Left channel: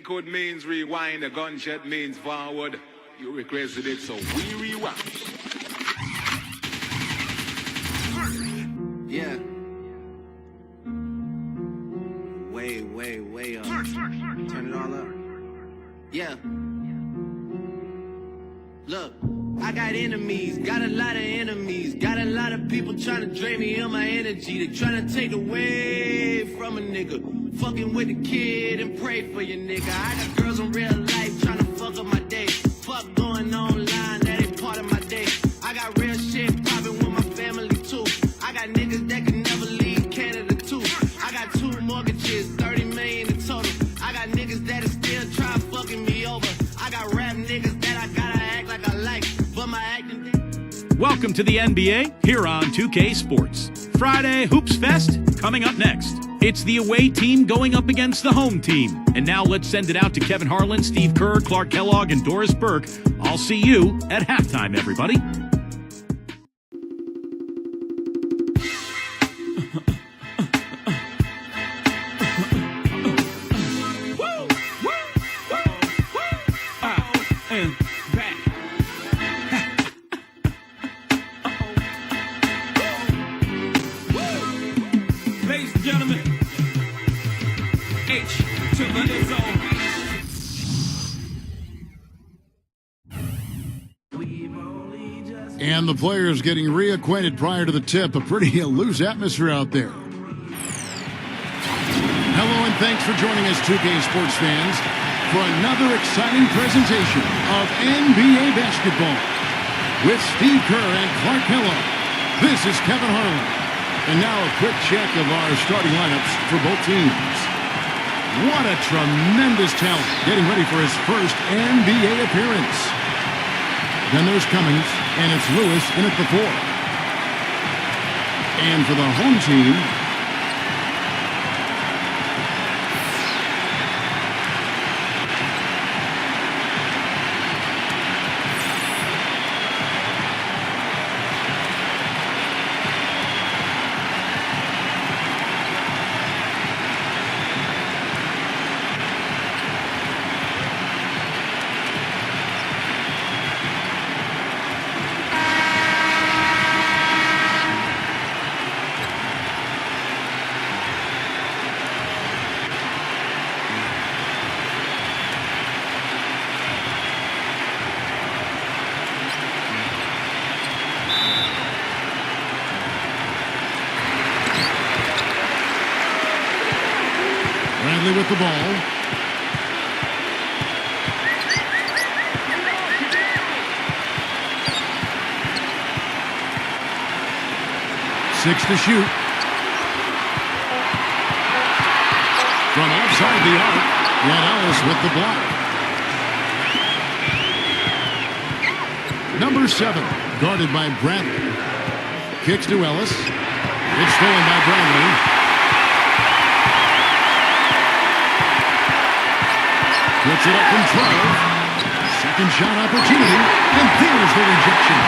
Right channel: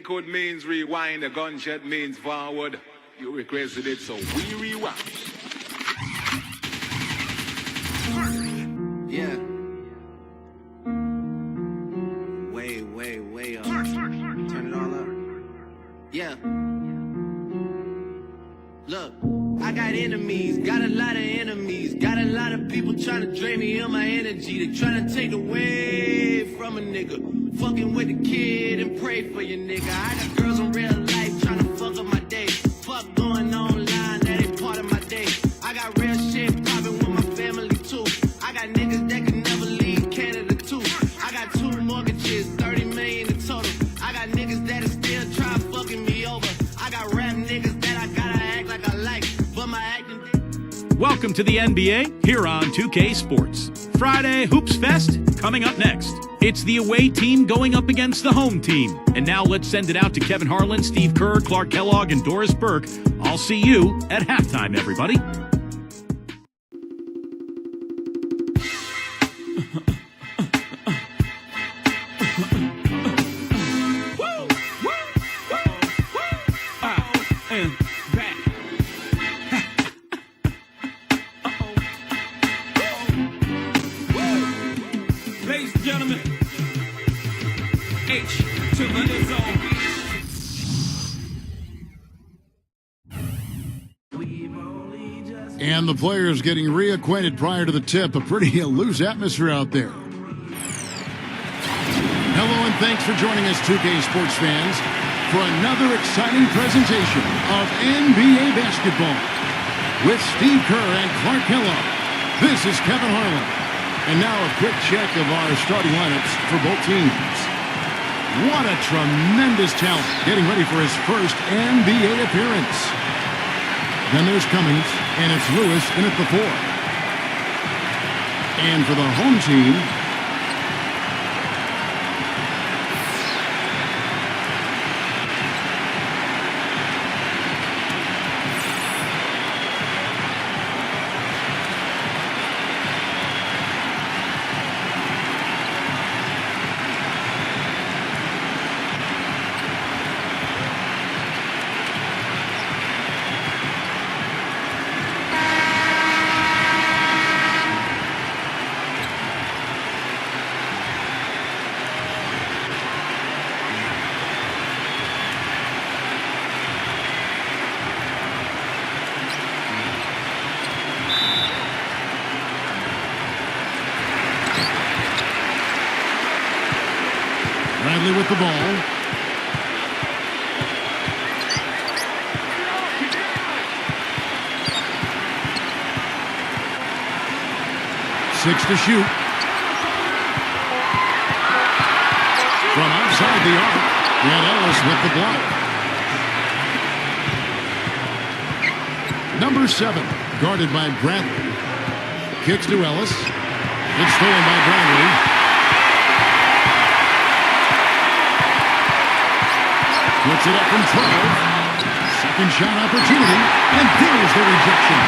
code means rewind, a gunshot means forward. You requested it, so we rewind. Yeah. Way up. Turn it all up. Yeah. Look, I got enemies, got a lot of enemies, got a lot of people trying to drain me of my energy. They trying to take away from a nigga. Fucking with the kid and pray for your nigga. I got girls in real life trying to fuck up my day. Fuck going online, that ain't part of my day. I got real shit popping with my family too. I got niggas that can never leave Canada too. I got 2 mortgages, 30 million in total. I got niggas that are still trying fucking me over. I got rap niggas that I gotta act like I like, but my acting. Welcome to the NBA here on 2K Sports. Friday Hoops Fest coming up next. It's the away team going up against the home team. And now let's send it out to Kevin Harlan, Steve Kerr, Clark Kellogg, and Doris Burke. I'll see you at halftime, everybody. Ladies and gentlemen, H to the zone. And the players getting reacquainted prior to the tip. A pretty loose atmosphere out there. Hello and thanks for joining us, 2K Sports fans, for another exciting presentation of NBA basketball. With Steve Kerr and Clark Kellogg, this is Kevin Harlan. And now a quick check of our starting lineups for both teams. What a tremendous talent getting ready for his first NBA appearance. Then there's Cummings, and it's Lewis in at the 4. And for the home team, Bradley with the ball. Six to shoot. From outside the arc, and Ellis with the block. Number 7, guarded by Bradley. Kicks to Ellis. It's stolen by Bradley. Puts it up from 12. Second shot opportunity, and there's the rejection.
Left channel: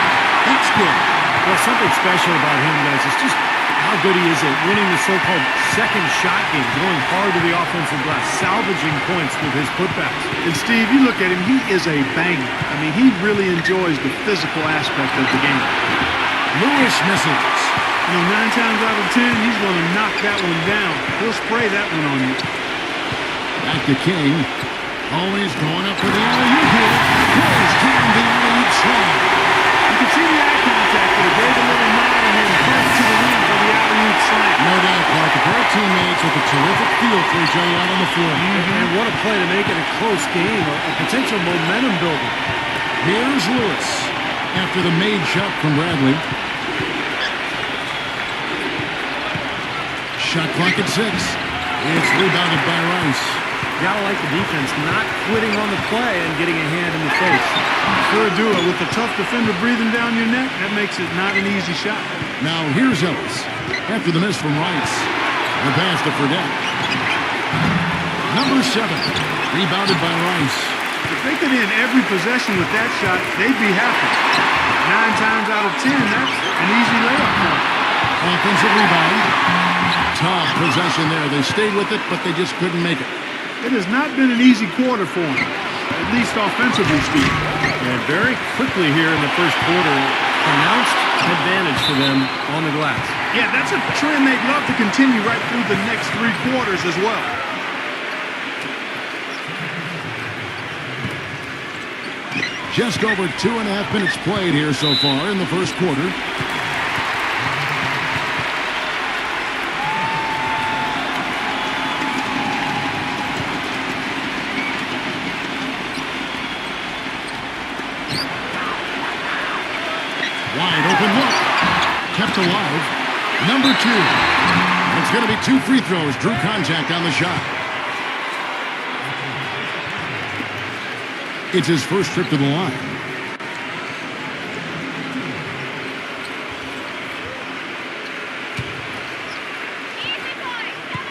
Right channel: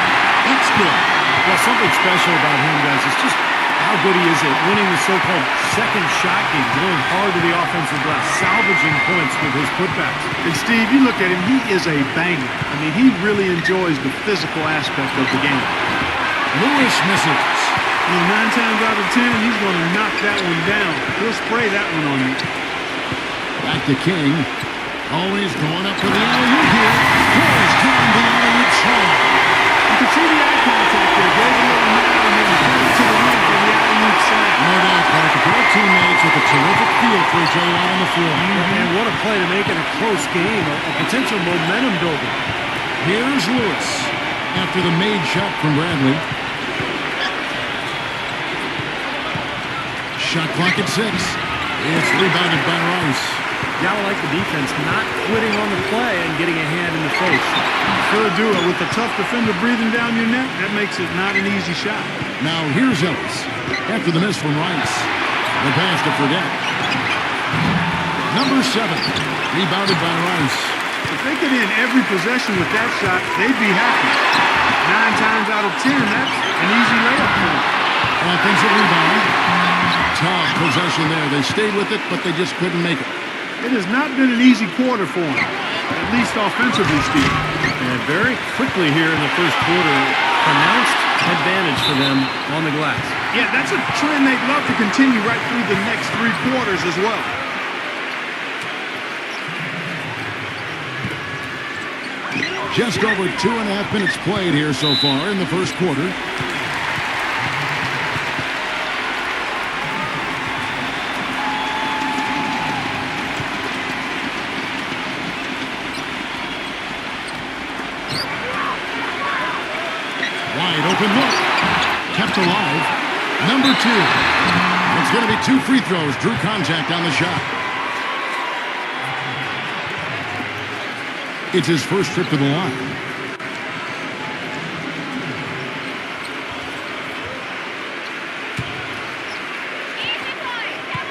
That's good. Well, something special about him, guys, is just how good he is at winning the so-called second shot game, going hard to the offensive glass, salvaging points with his putbacks. And Steve, you look at him, he is a banger. I mean, he really enjoys the physical aspect of the game. Lewis misses. You know, 9 times out of 10, he's going to knock that one down. He'll spray that one on you. Back to King. Always going up for the alley-oop here. Goes down the alley-oop slam. You can see the eye contact there. Gave a little nod and then burst to the rim for the alley-oop slam. No doubt, Clark. A pair of teammates with a terrific feel for each other out on the floor. And what a play to make it a close game, a potential momentum builder. Here's Lewis after the made shot from Bradley. Shot clock at 6. It's rebounded by Rice. Gotta like the defense not quitting on the play and getting a hand in the face. Sure do it. With a tough defender breathing down your neck, that makes it not an easy shot. Now here's Ellis after the miss from Rice. The pass to Fredette. Number 7, rebounded by Rice. If they could end every possession with that shot, they'd be happy. 9 times out of 10, that's an easy layup for them. Offensive rebound. Tough possession there. They stayed with it, but they just couldn't make it. It has not been an easy quarter for him, at least offensively speaking. And very quickly here in the first quarter, pronounced advantage for them on the glass. Yeah, that's a trend they'd love to continue right through the next 3 quarters as well. Just over 2.5 minutes played here so far in the first quarter. Wide open look. Kept alive. Number 2. It's going to be 2 free throws. Drew contact on the shot. It's his first trip to the line. Easy boy, come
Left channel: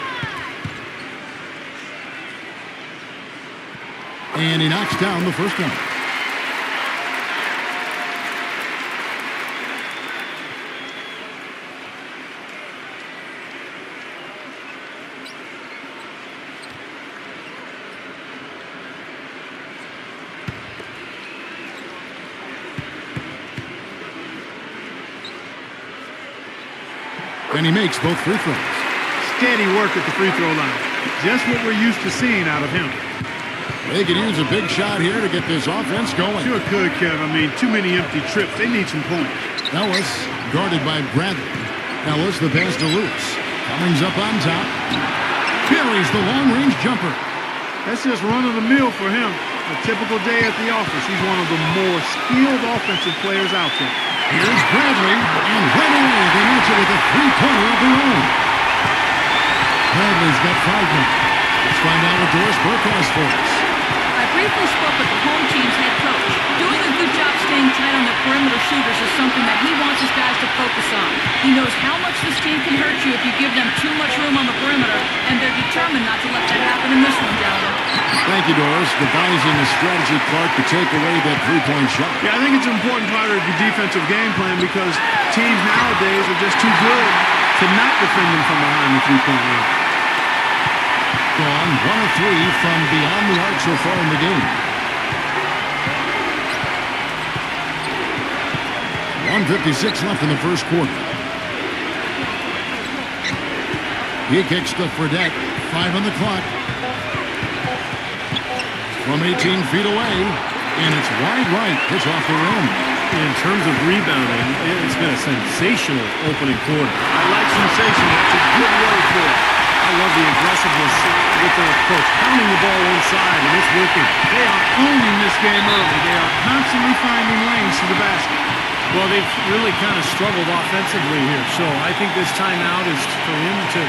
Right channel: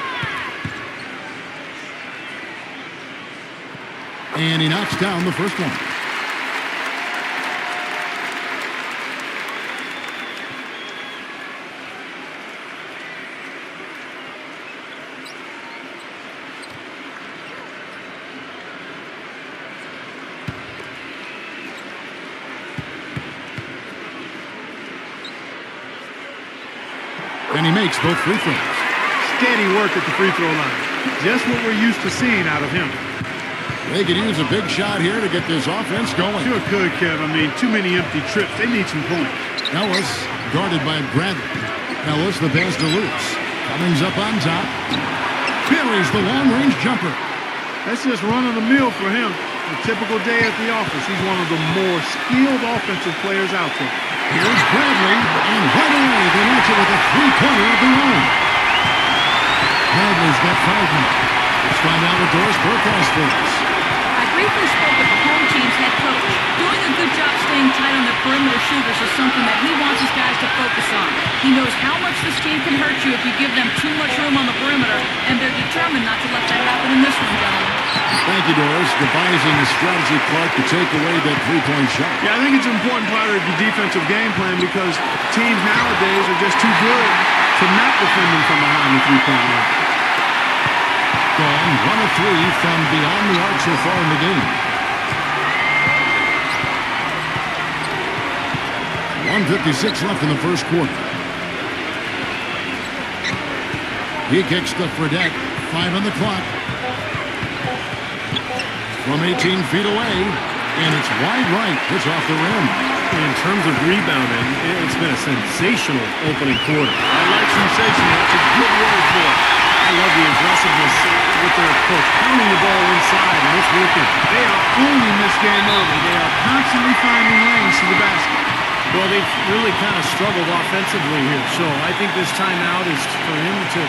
on. And he knocks down the first one. And he makes both free throws. Steady work at the free throw line. Just what we're used to seeing out of him. They could use a big shot here to get this offense going. Sure could, Kev. I mean, too many empty trips. They need some points. Ellis guarded by Bradley. Ellis the pass to Lewis. Cummings up on top. Buries the long-range jumper. That's just run-of-the-mill for him. A typical day at the office. He's one of the more skilled offensive players out there. Here's Bradley, and right away they match it with a three-pointer of their own. Bradley's got 5 now. Let's find out what Doris Burke has for us. I briefly spoke with the home team's head coach. Doing a good job staying tight on their perimeter shooters is something that he wants his guys to focus on. He knows how much this team can hurt you if you give them too much room on the perimeter, and they're determined not to let that happen in this one, gentlemen. Thank you, Doris. Devising a strategy, Clark, to take away that three-point shot. Yeah, I think it's an important part of the defensive game plan because teams nowadays are just too good to not defend them from behind the three-point line. Gone 1 of 3 from beyond the arc so far in the game. 1:56 left in the first quarter. He kicks to Fredette. 5 on the clock. From 18 feet away, and it's wide right. It's off the rim. In terms of rebounding, it's been a sensational opening quarter. I like sensational. That's a good word for it. I love the aggressiveness with their approach, pounding the ball inside, and it's working. They are owning this game early. They are constantly finding lanes to the basket. Well, they've really kind of struggled offensively here, so I think this timeout is for him to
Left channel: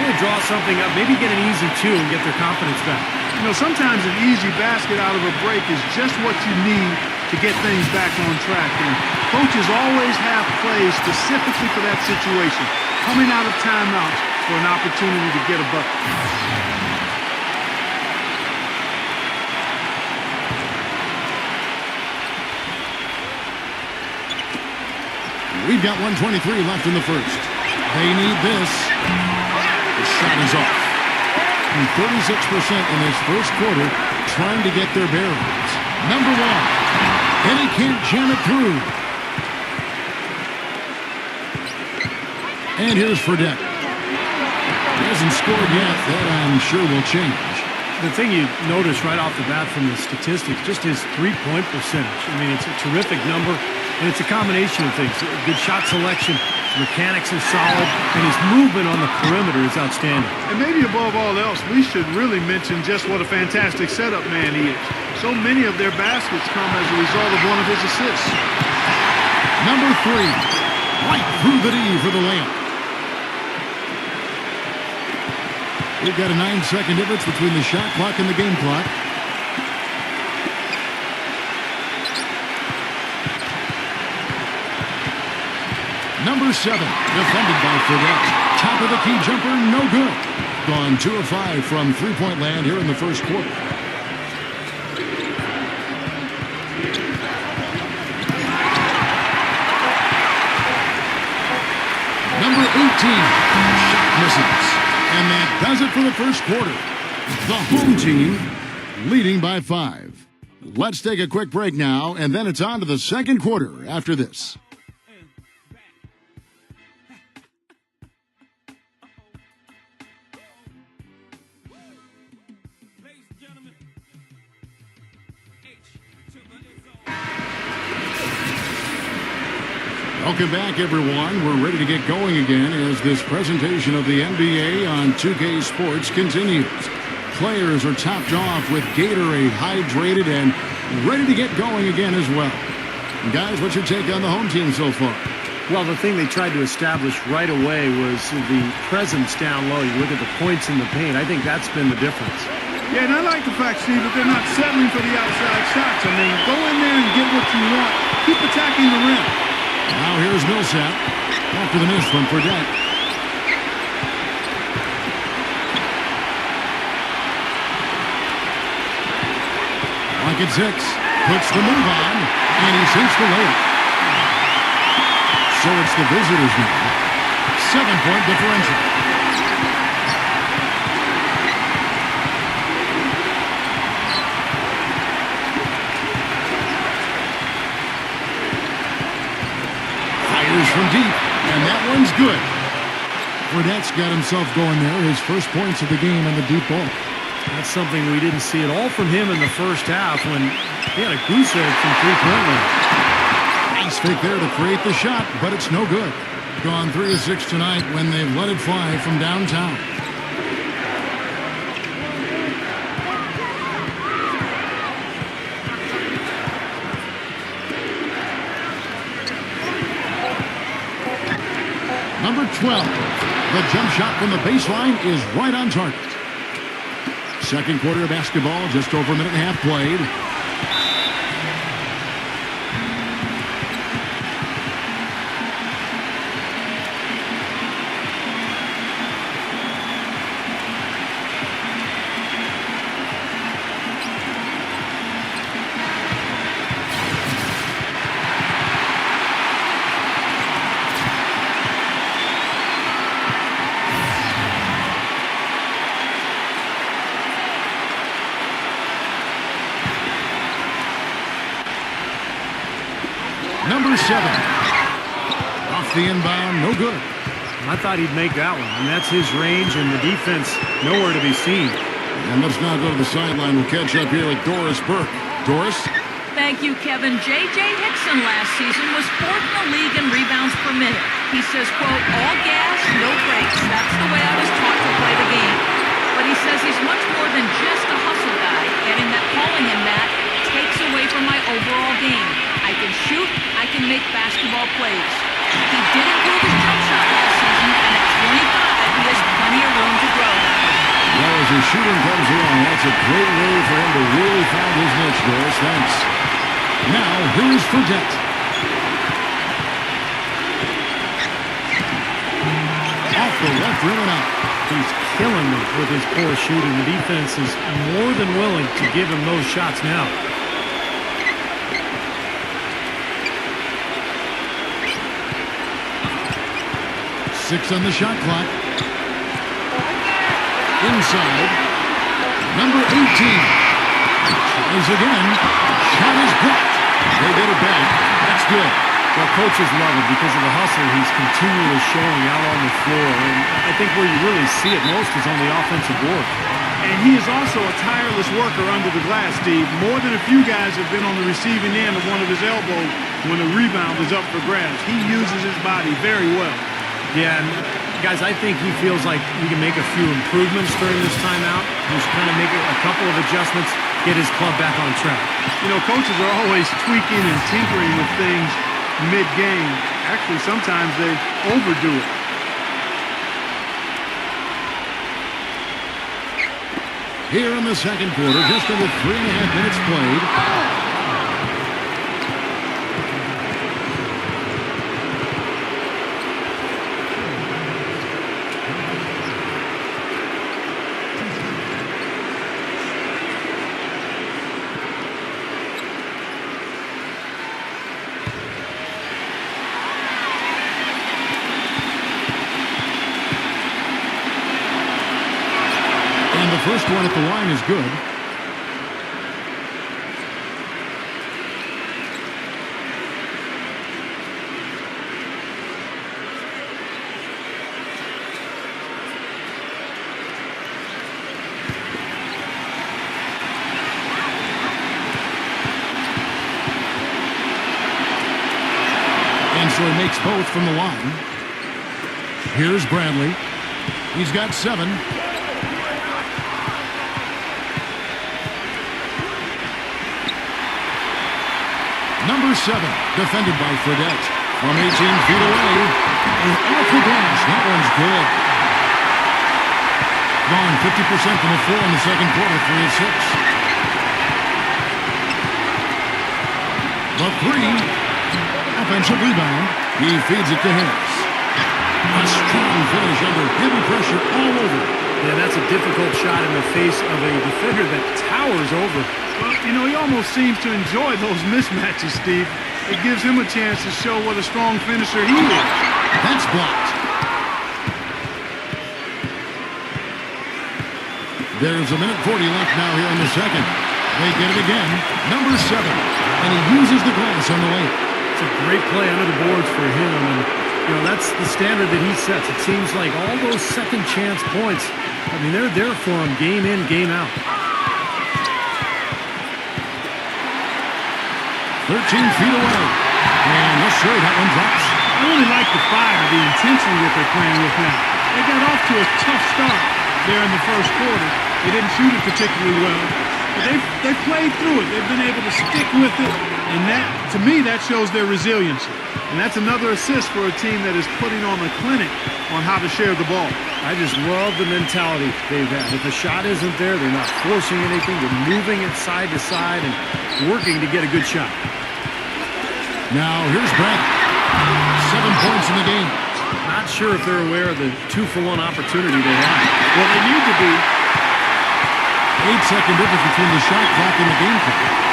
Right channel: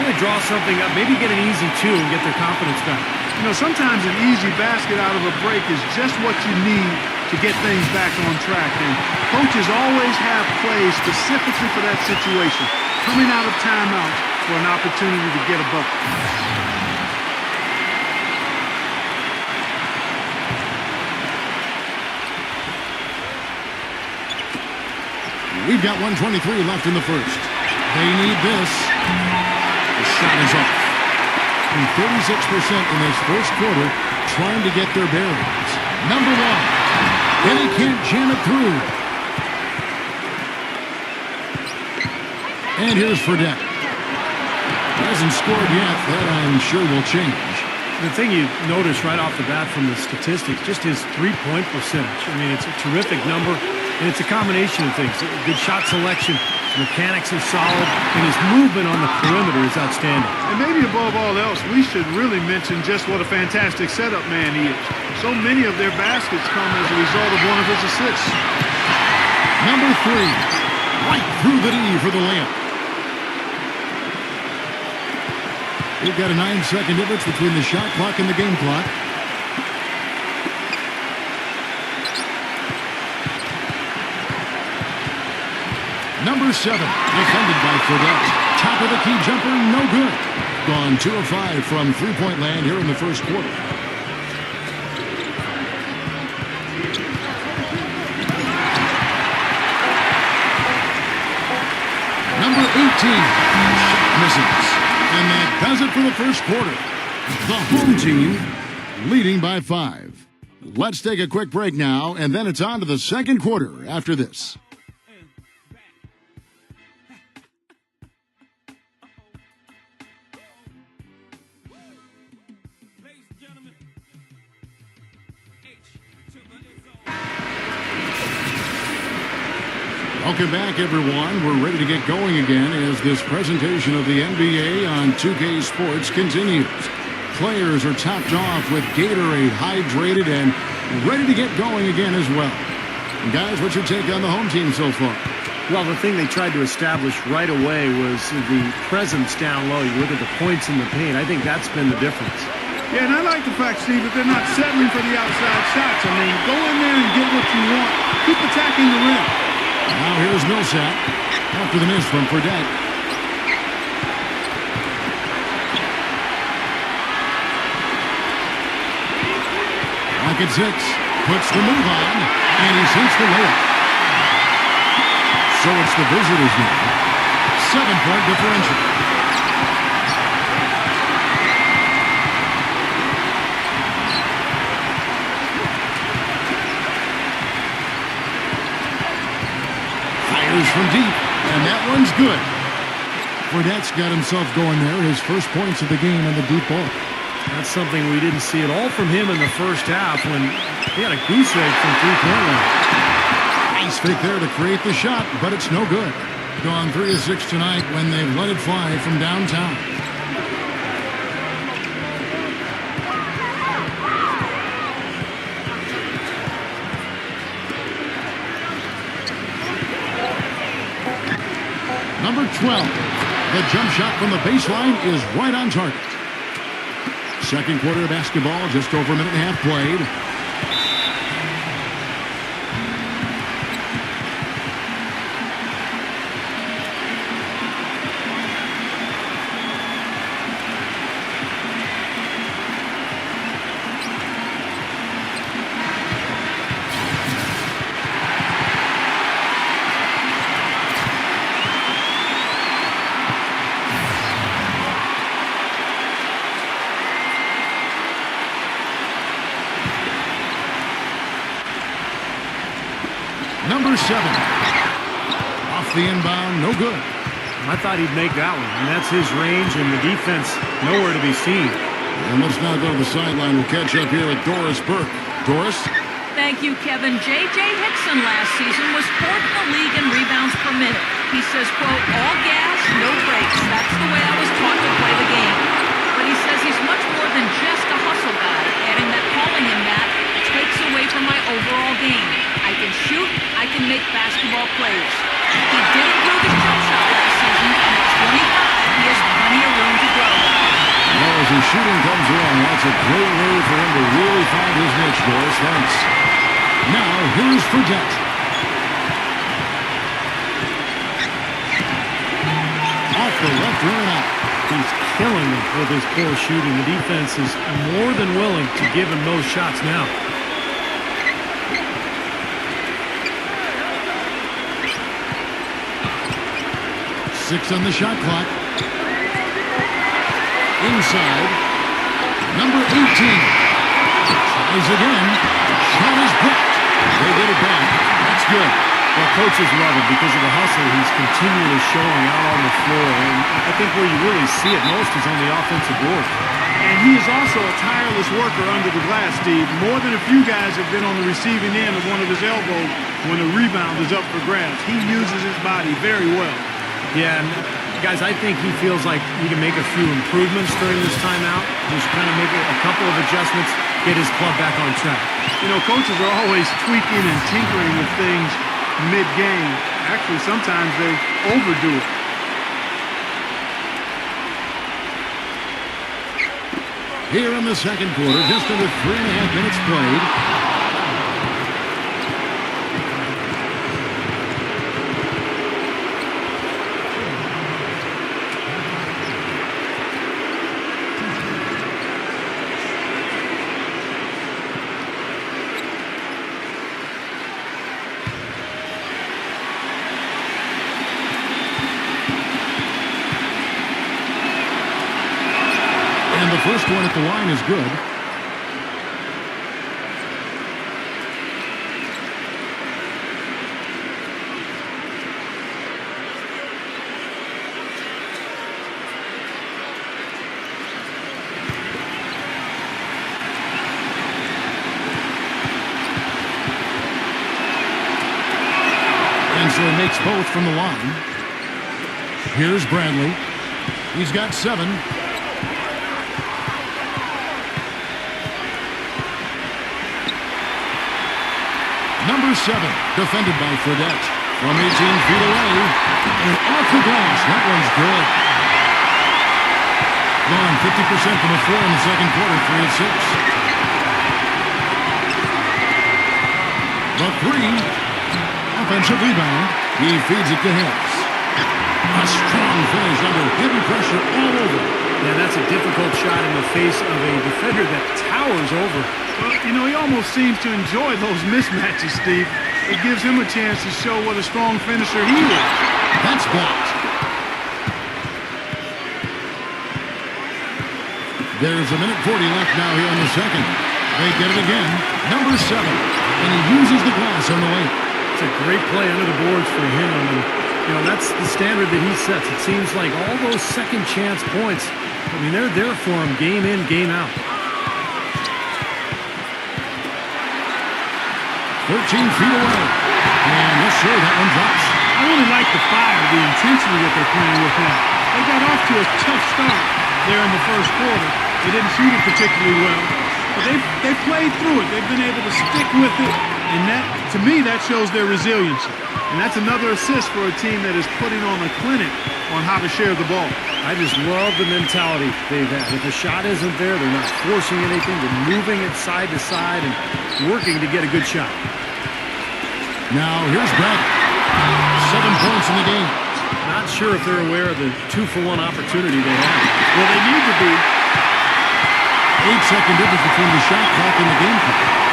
really draw something up, maybe get an easy 2 and get their confidence back. You know, sometimes an easy basket out of a break is just what you need to get things back on track. And coaches always have plays specifically for that situation, coming out of timeouts for an opportunity to get a bucket. We've got 1:23 left in the first. They need this. The shot is off. 36% in this first quarter, trying to get their bearings. Number 1. And he can't jam it through. And here's Fredette. He hasn't scored yet. That, I'm sure, will change. The thing you notice right off the bat from the statistics, just his three-point percentage. I mean, it's a terrific number, and it's a combination of things. Good shot selection, his mechanics are solid, and his movement on the perimeter is outstanding. And maybe above all else, we should really mention just what a fantastic setup man he is. So many of their baskets come as a result of one of his assists. Number 3, right through the D for the layup. We've got a 9-second difference between the shot clock and the game clock. Number 7, defended by Fredette. Top of the key jumper, no good. Gone 2 of 5 from three-point land here in the first quarter. Number 18, shot misses. And that does it for the first quarter. The home team leading by 5. Let's take a quick break now, and then it's on to the second quarter after this. Welcome back, everyone. We're ready to get going again as this presentation of the NBA on 2K Sports continues. Players are topped off with Gatorade, hydrated, and ready to get going again as well. Guys, what's your take on the home team so far? Well, the thing they tried to establish right away was the presence down low. You look at the points in the paint. I think that's been the difference. Yeah, and I like the fact, Steve, that they're not settling for the outside shots. I mean, go in there and get what you want. Keep attacking the rim. Now here's Millsap after the miss from Fredette. Lock at 6. Puts the move on, and he sinks the layup. So it's the visitors now. 7-point differential. Fires from deep, and that one's good. Fredette's got himself going there. His first points of the game on the deep ball. That's something we didn't see at all from him in the first half when he had a goose egg from three-point land. Nice fake there to create the shot, but it's no good. Gone 3 of 6 tonight when they've let it fly from downtown. Number 12, the jump shot from the baseline is right on target. Second quarter of basketball, just over a minute and a half played. Number 7. Off the inbound, no good. I thought he'd make that one, and that's his range, and the defense nowhere to be seen. And let's now go to the sideline. We'll catch up here with Doris Burke. Doris? Thank you, Kevin. J.J. Hickson last season was 4th in the league in rebounds per minute. He says, quote, all gas, no brakes. That's the way I was taught to play the game. But he says he's much more than just a hustle guy, adding that calling him that takes away from my overall game. I can shoot, I can make basketball plays. He did improve his jump shot last season, and at 25, he has plenty of room to grow, guys. Well, as his shooting comes along, that's a great way for him to really find his niche, Doris. Thanks. Now, here is Fredette. Off the left rim and out. He's killing them with his poor shooting. The defense is more than willing to give him those shots now. Six on the shot clock. Inside. Number 18. Tries again. Shot is blocked. They get it back. That's good. Well, coaches love him because of the hustle he's continually showing out on the floor. And I think where you really see it most is on the offensive board. And he is also a tireless worker under the glass, Steve. More than a few guys have been on the receiving end of one of his elbows when a rebound is up for grabs. He uses his body very well. Yeah, and guys, I think he feels like he can make a few improvements during this timeout. Just kind of make a couple of adjustments, get his club back on track. You know, coaches are always tweaking and tinkering with things mid-game. Actually, sometimes they overdo it. Here in the second quarter, just under 3.5 minutes played. the first one at the line is good. And so he makes both from the line. Here's Bradley. He's got 7. Number 7, defended by Fredette. From 18 feet away. And off the glass. That one's good. Gone 50% from the floor in the second quarter, 3 of 6. The 3. Offensive rebound. He feeds it to Harris. A strong finish under heavy pressure all over. Yeah, that's a difficult shot in the face of a defender that towers over. Well, you know, he almost seems to enjoy those mismatches, Steve. It gives him a chance to show what a strong finisher he is. That's blocked. There's a minute 40 left now here in the second. They get it again. Number 7. And he uses the glass on the layup. It's a great play under the boards for him, and you know that's the standard that he sets. It seems like all those second chance points, I mean, they're there for him game in, game out. 13 feet away. And yes, sir, that one drops. I really like the fire, the intensity that they're playing with now. They got off to a tough start there in the first quarter. They didn't shoot it particularly well, but they played through it. They've been able to stick with it. And that, to me, that shows their resiliency. And that's another assist for a team that is putting on a clinic on how to share the ball. I just love the mentality they've had. If a shot isn't there, they're not forcing anything. They're moving it side to side and working to get a good shot. Now, here's Brett. 7 points in the game. Not sure if they're aware of the 2-for-1 opportunity they have. Well, they need to be. 8-second difference between the shot clock and the game clock.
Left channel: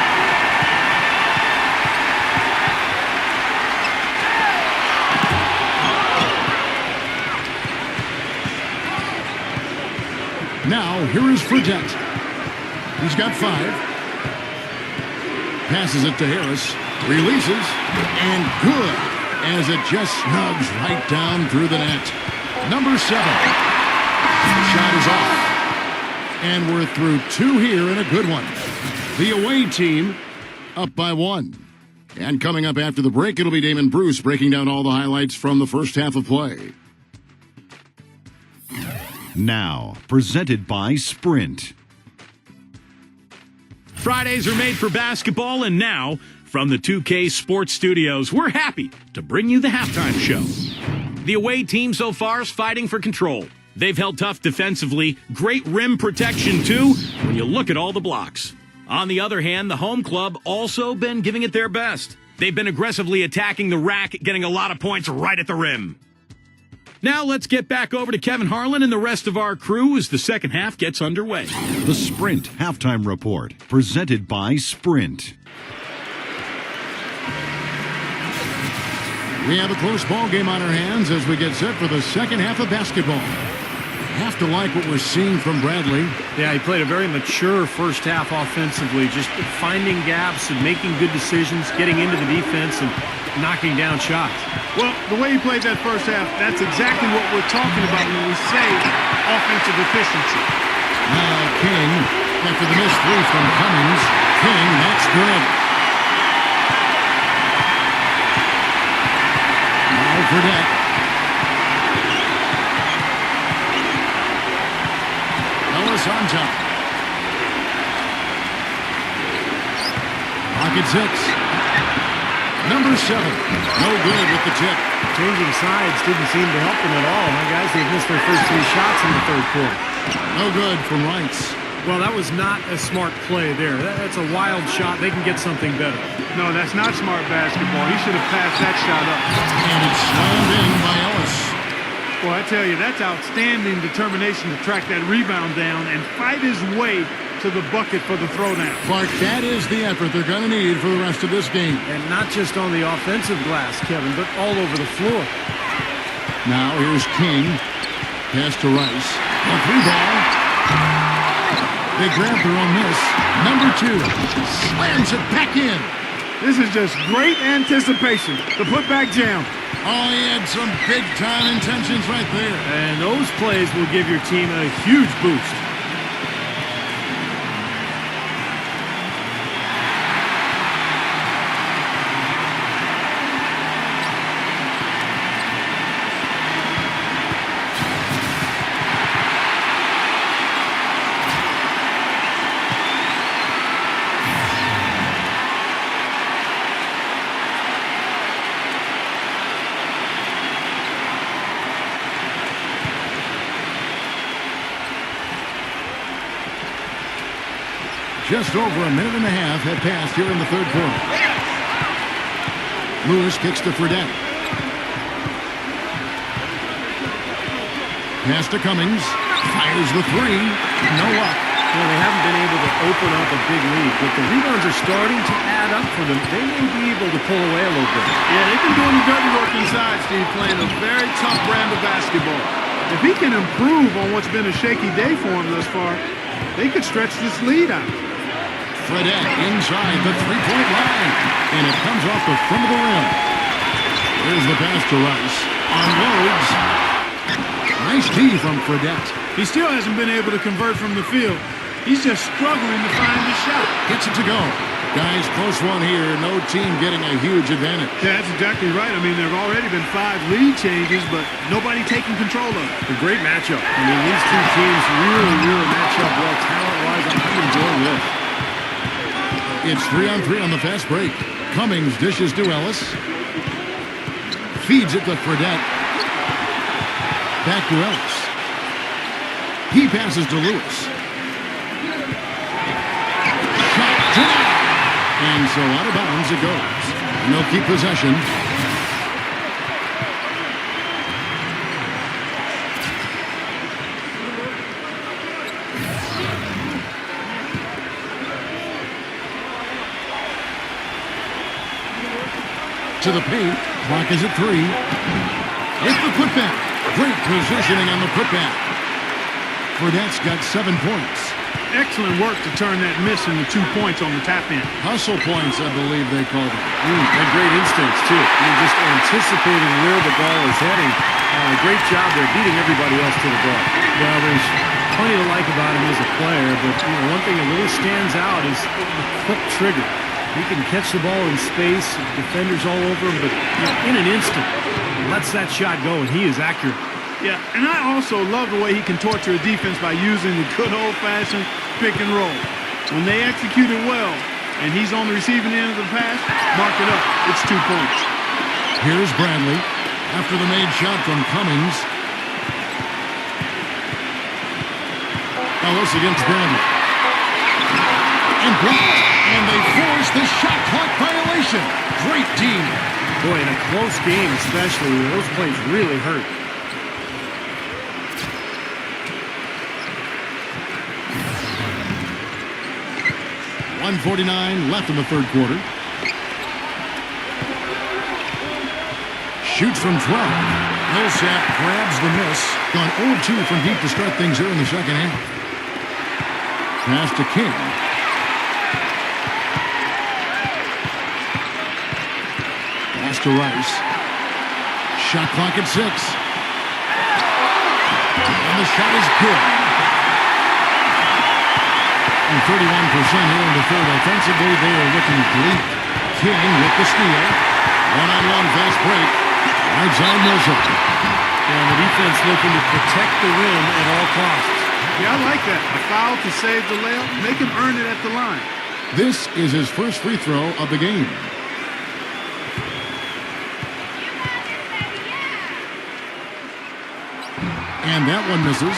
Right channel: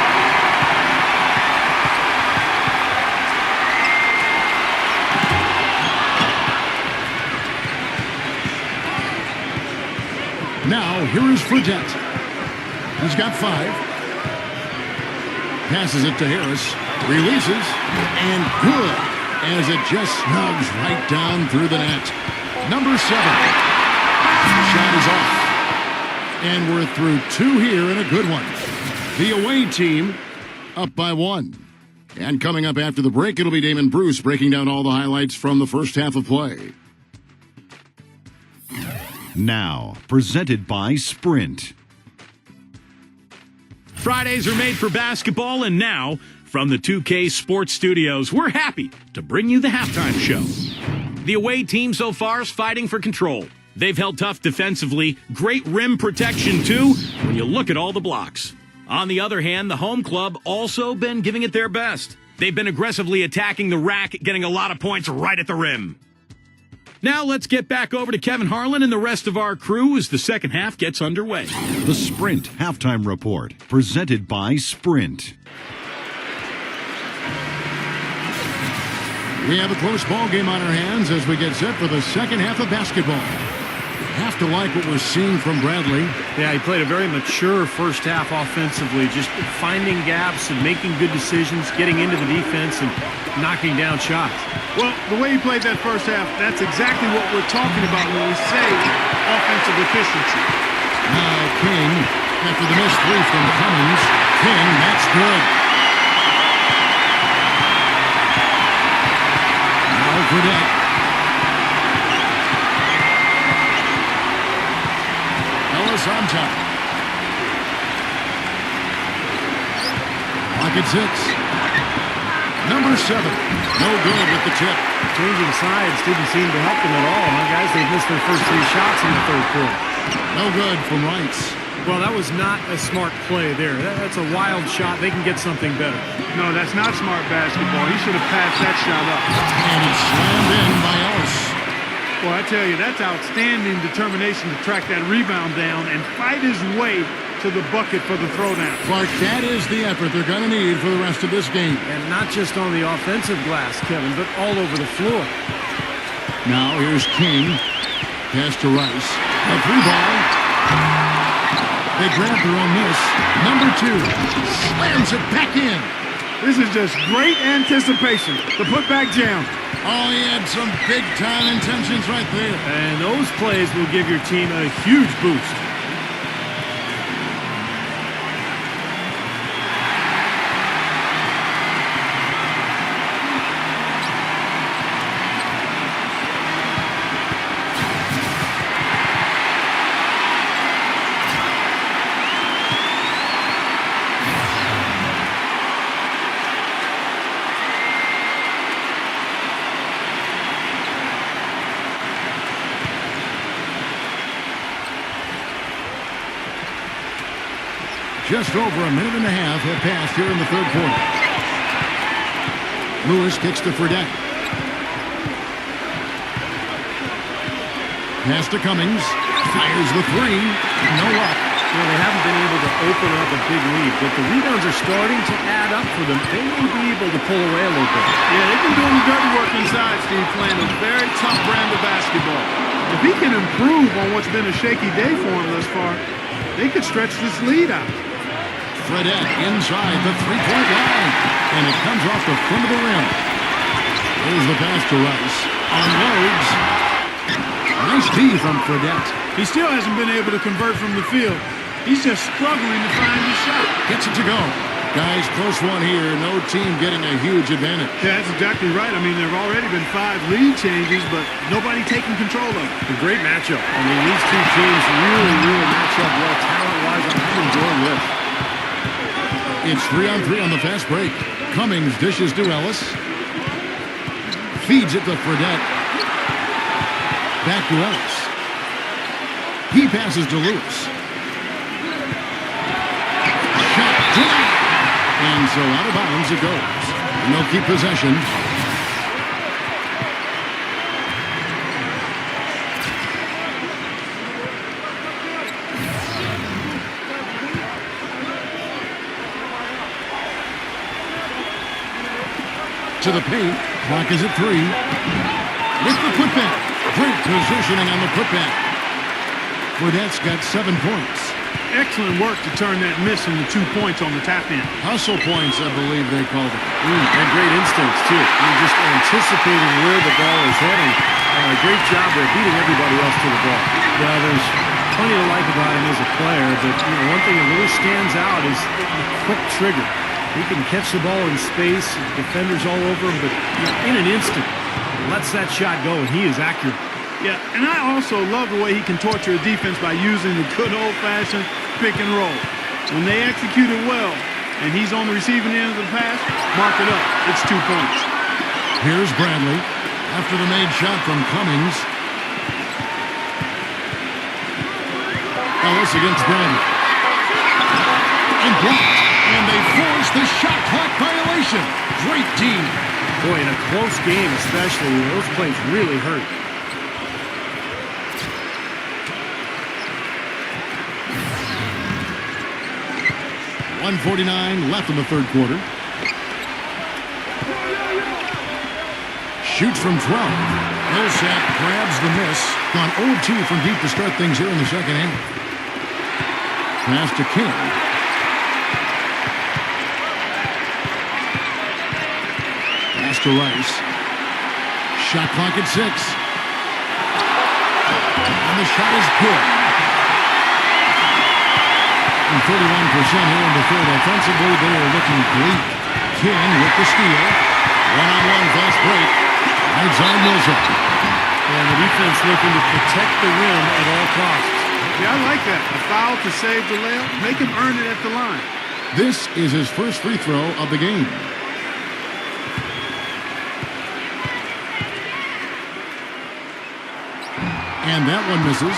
Now, here is Fredette. He's got 5. Passes it to Harris. Releases. And good. As it just snugs right down through the net. Number 7. Shot is off. And we're through 2 here and a good one. The away team up by 1. And coming up after the break, it'll be Damon Bruce breaking down all the highlights from the first half of play. Now, presented by Sprint. Fridays are made for basketball, and now, from the 2K Sports Studios, we're happy to bring you the halftime show. The away team so far is fighting for control. They've held tough defensively, great rim protection too, when you look at all the blocks. On the other hand, the home club also been giving it their best. They've been aggressively attacking the rack, getting a lot of points right at the rim. Now let's get back over to Kevin Harlan and the rest of our crew as the second half gets underway. The Sprint Halftime Report, presented by Sprint. We have a close ball game on our hands as we get set for the second half of basketball. We have to like what we're seeing from Bradley. Yeah, he played a very mature first half offensively, just finding gaps and making good decisions, getting into the defense and knocking down shots. Well, the way he played that first half, that's exactly what we're talking about when we say offensive efficiency. Now King, after the missed 3 from Cummings. King, that's good. Now Fredette. Ellis on top. Pocket 6. Number 7. No good with the tip. Changing sides didn't seem to help them at all. My guys, they've missed their first 3 shots in the third quarter. No good from Rights. Well, that was not a smart play there. That's a wild shot. They can get something better. No, that's not smart basketball. He should have passed that shot up. And it's slammed in by Ellis. Well, I tell you, that's outstanding determination to track that rebound down and fight his way to the bucket for the throwdown. Clark, that is the effort they're going to need for the rest of this game. And not just on the offensive glass, Kevin, but all over the floor. Now here's King. Pass to Rice. A 3 ball. They grab their own miss. Number 2 slams it back in. This is just great anticipation. The putback jam. Oh, he had some big-time intentions right there. And those plays will give your team a huge boost. Just over a minute and a half had passed here in the third quarter. Lewis kicks to Fredette. Pass to Cummings. Fires the 3. No luck. You know, they haven't been able to open up a big lead, but the rebounds are starting to add up for them. They may be able to pull away a little bit. Yeah, they've been doing the dirty work inside, Steve, playing a very tough brand of basketball. If he can improve on what's been a shaky day for him thus far, they could stretch this lead out. Fredette inside the three-point line, and it comes off the front of the rim. There's the pass to Rice. Unloads. Nice D from Fredette. He still hasn't been able to convert from the field. He's just struggling to find his shot. Gets it to go. Guys, close one here. No team getting a huge advantage. Yeah, that's exactly right. I mean, there have already been 5 lead changes, but nobody taking control of it. A great matchup. I mean, these two teams really match up well talent-wise. I'm enjoying this. It's 3-on-3 on the fast break. Cummings dishes to Ellis. Feeds it to Fredette. Back to Ellis. He passes to Lewis. Shot denied. And so out of bounds it goes. And they'll keep possession. To the paint. Clock is at 3. With the putback. Great positioning on the putback. Fredette's got 7 points. Excellent work to turn that miss into 2 points on the tap-in. Hustle points, I believe they call them. And great instincts, too. You're just anticipating where the ball is heading. Great job there, beating everybody else to the ball. Well, there's plenty to like about him as a player, but one thing that really stands out is the quick trigger. He can catch the ball in space, defenders all over him, but in an instant, he lets that shot go, and he is accurate. Yeah, and I also love the way he can torture a defense by using the good old-fashioned pick and roll. When they execute it well, and he's on the receiving end of the pass, mark it up. It's 2 points. Here's Bradley after the made shot from Cummings. Ellis against Bradley. And blocked. And they force the shot clock violation. Great team. Boy, in a close game especially, those plays really hurt. .149 left in the third quarter. Shoots from 12. Millsap grabs the miss. Gone 0-2 from deep to start things here in the second half. Pass to King. Pass to Rice. Shot clock at 6. And the shot is good. And 31% here in the third. Offensively, they are looking bleak. King with the steal. One-on-one fast break. Right side Millsap. And the defense looking to protect the rim at all costs. Yeah, I like that. A foul to save the layup. Make him earn it at the line. This is his first free throw of the game. And that one misses.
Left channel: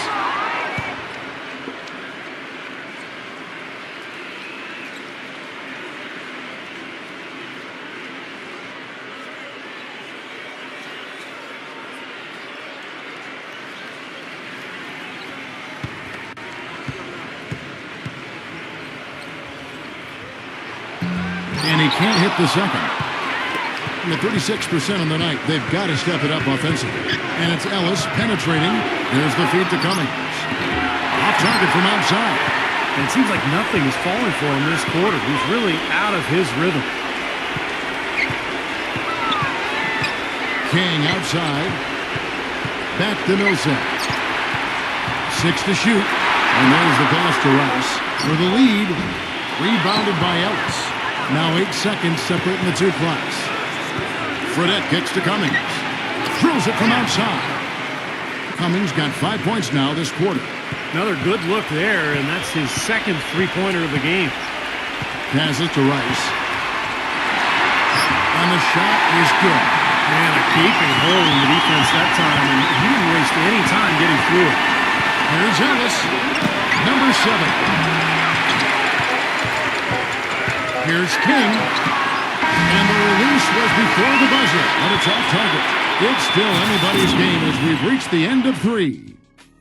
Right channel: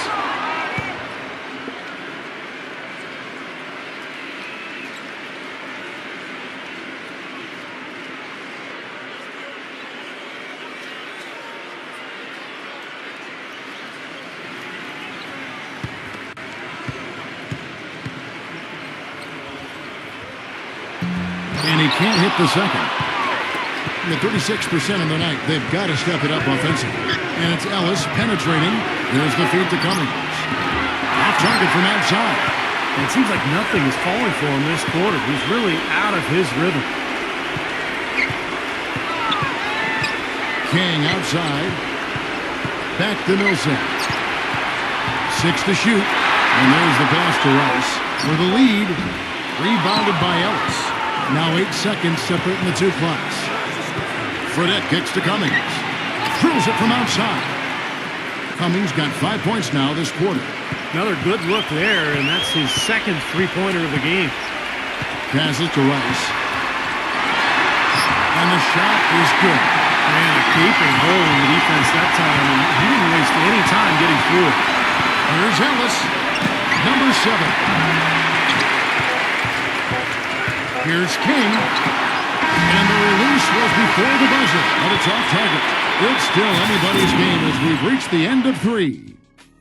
And he can't hit the second. At 36% on the night, they've got to step it up offensively. And it's Ellis penetrating. There's the feed to Cummings. Off target from outside. And it seems like nothing is falling for him this quarter. He's really out of his rhythm. King outside. Back to Millsap. 6 to shoot. And there's the pass to Rice for the lead. Rebounded by Ellis. Now 8 seconds separating the two clocks. Fredette kicks to Cummings. Drills it from outside. Cummings got 5 points now this quarter. Another good look there, and that's his second three-pointer of the game. Passes to Rice. And the shot is good. Man, a gaping hole in the defense that time, and he didn't waste any time getting through it. Here's Ellis, number 7. Here's King. And the release was before the buzzer, but it's off target. It's still anybody's game as we've reached the end of 3.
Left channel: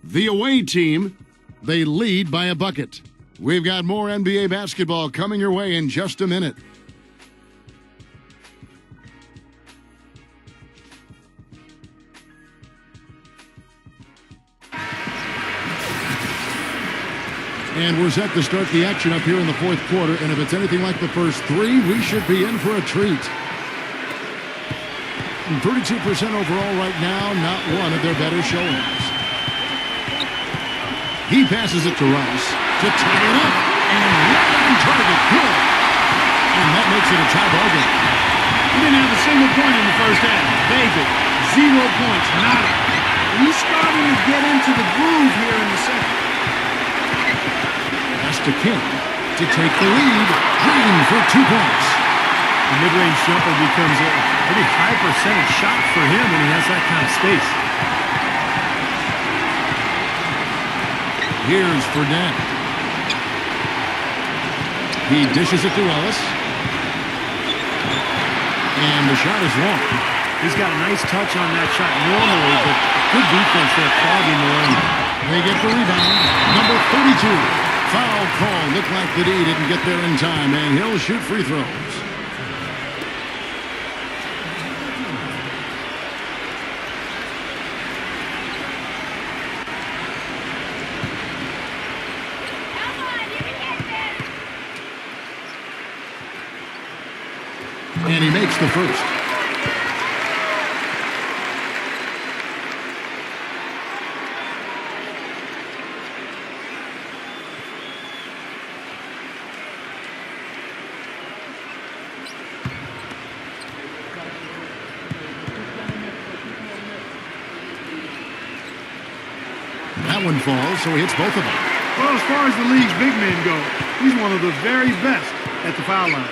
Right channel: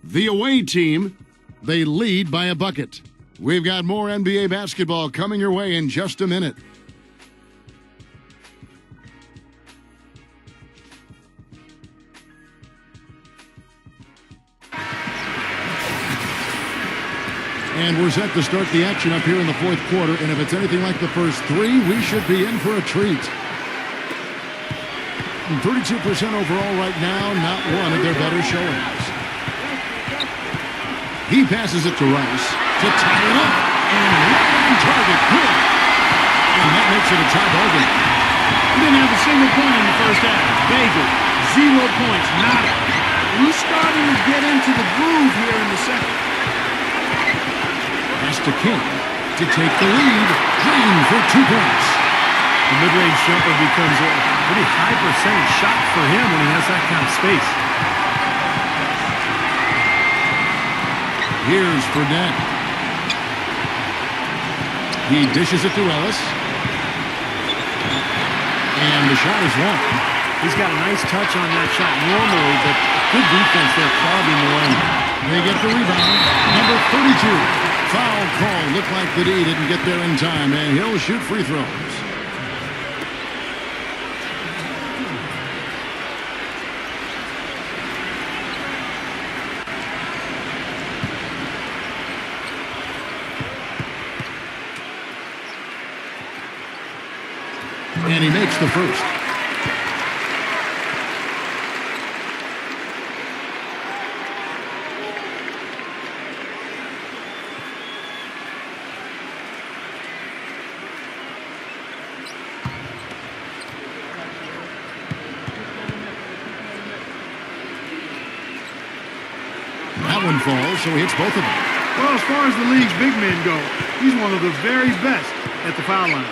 The away team, they lead by a bucket. We've got more NBA basketball coming your way in just a minute. And we're set to start the action up here in the fourth quarter. And if it's anything like the first 3, we should be in for a treat. 32% overall right now, not one of their better showings. He passes it to Rice to tie it up. And right on target, good. And that makes it a tie ball game. He didn't have a single point in the first half. Bagel, 0 points, nada. And he's starting to get into the groove here in the second. Pass to King to take the lead. Green for 2 points. The mid-range jumper becomes a pretty high percentage shot for him when he has that kind of space. Here's Fredette. He dishes it to Ellis. And the shot is long. He's got a nice touch on that shot normally, but good defense there clogging the lane. They get the rebound. Number 32. Foul call. Looked like the D didn't get there in time, and he'll shoot free throws. And he makes the first. That one falls, so he hits both of them. Well, as far as the league's big men go, he's one of the very best at the foul line.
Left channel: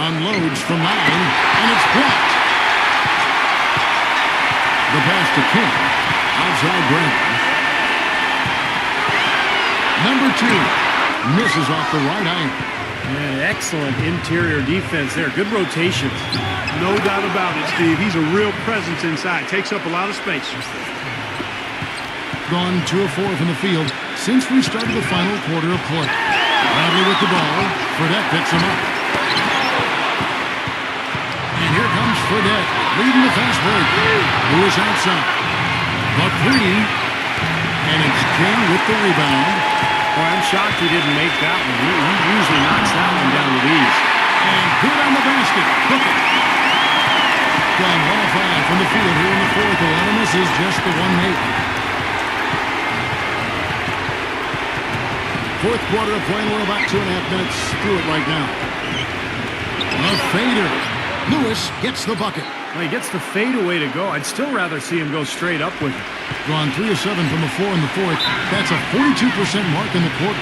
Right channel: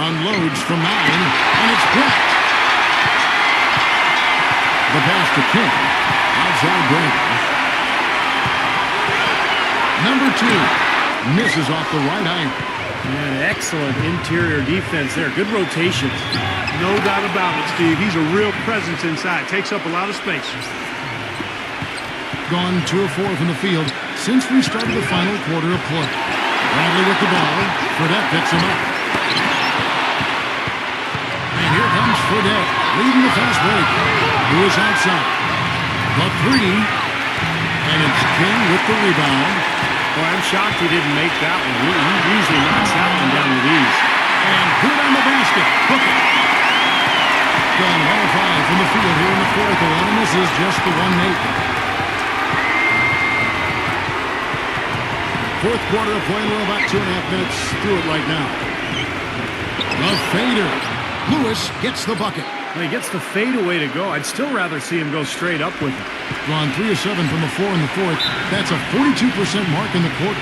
Unloads from 9, and it's blocked. The pass to King. Outside Brandon. Number 2 misses off the right iron. And excellent interior defense there. Good rotations. No doubt about it, Steve. He's a real presence inside. Takes up a lot of space. Gone 2 of 4 from the field since we started the final quarter of play. Bradley with the ball. Fredette picks him up. And here comes Fredette, leading the fast break. Lewis outside. The 3. And it's King with the rebound. Boy, I'm shocked he didn't make that one. He usually knocks that one down with ease. And good on the basket. Book it. Gone 1 of 5 from the field here in the fourth. A lot of misses, just the 1 make. Fourth quarter of play, and we're about 2.5 minutes through it right now. A fader. Lewis gets the bucket. Well, he gets the fadeaway to go. I'd still rather see him go straight up with it. Gone 3 of 7 from the floor in the fourth. That's a 42% mark in the quarter.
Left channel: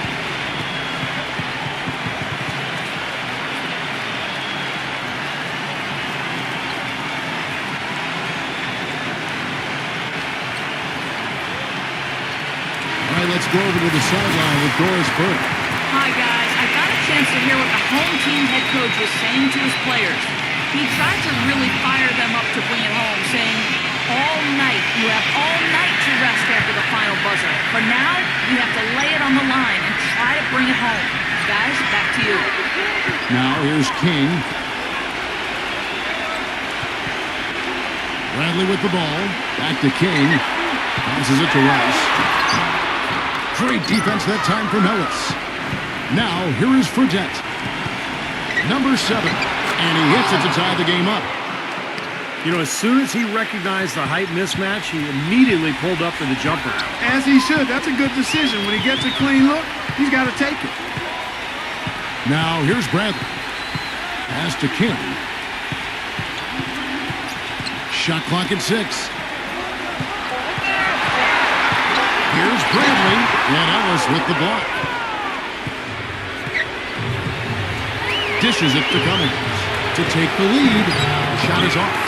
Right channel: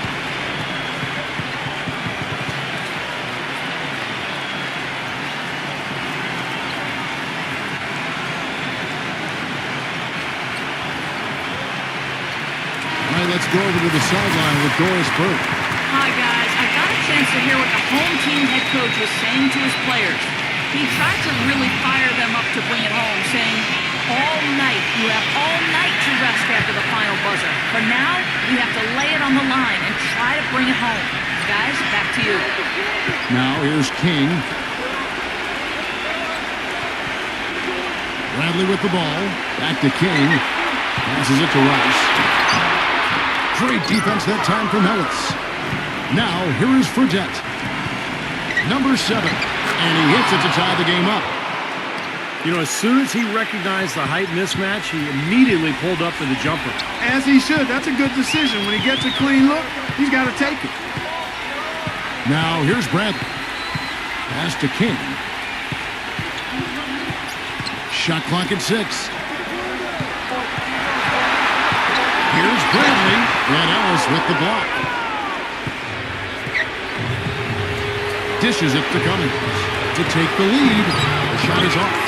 All right, let's go over to the sideline with Doris Burke. Hi, guys. I got a chance to hear what the home team head coach was saying to his players. He tried to really fire them up to bring it home, saying, all night, you have all night to rest after the final buzzer. For now, we have to lay it on the line and try to bring it home. Guys, back to you. Now here's King. Bradley with the ball. Back to King. Passes it to Rice. Great defense that time from Ellis. Now, here is Fredette. Number 7. And he hits it to tie the game up. You know, as soon as he recognized the height mismatch, he immediately pulled up for the jumper. As he should. That's a good decision. When he gets a clean look, he's got to take it. Now, here's Bradley. Pass to King. Shot clock at 6. Here's Bradley. And Ellis with the block. Dishes it to Cummings to take the lead. The shot is off.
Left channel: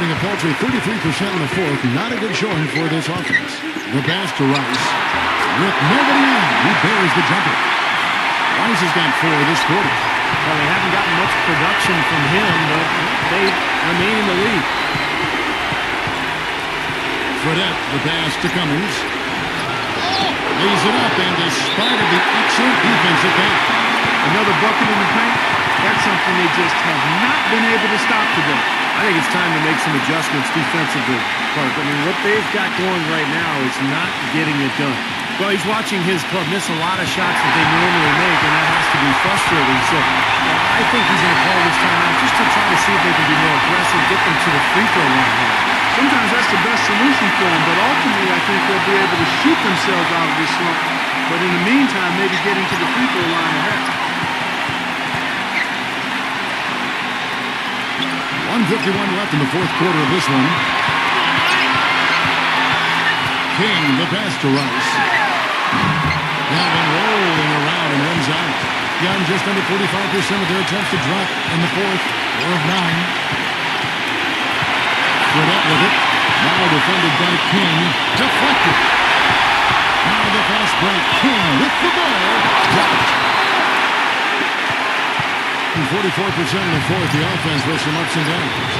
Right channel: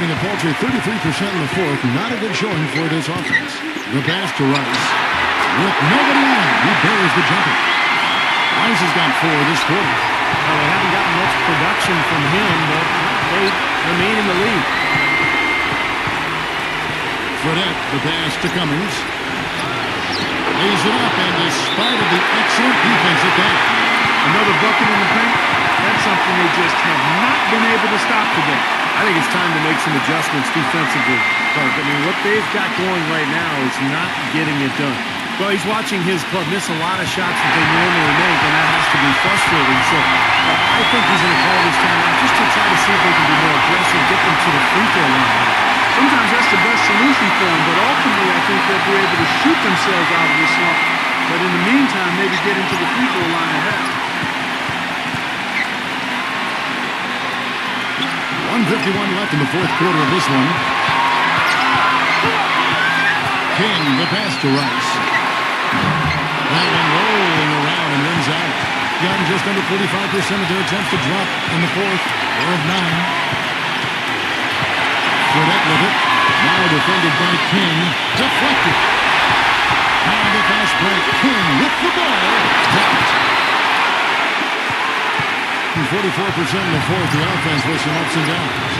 A paltry 33% in the fourth. Not a good showing for this offense. The pass to Rice. With nobody on, he buries the jumper. Rice has got 4 this quarter. Well, they haven't gotten much production from him, but they remain in the lead. Fredette, the pass to Cummings. Lays it up, and despite of the excellent defense at that. Another bucket in the paint. That's something they just have not been able to stop today. I think it's time to make some adjustments defensively, Clark. I mean, what they've got going right now is not getting it done. Well, he's watching his club miss a lot of shots that they normally make, and that has to be frustrating. So I think he's going to call this timeout just to try to see if they can be more aggressive, get them to the free throw line. Sometimes that's the best solution for them, but ultimately I think they'll be able to shoot themselves out of this slump. But in the meantime, maybe get into the free throw line ahead. 1:51 left in the fourth quarter of this one. King, the pass to Rice. That one rolling around and rims out. Young just under 45% of their attempts to drop in the fourth. 4 of 9. Fredette with it. Now defended by King. Deflected. Now the fast break. King with the ball. Blocked. 44% in the fourth. The offense with some ups and downs.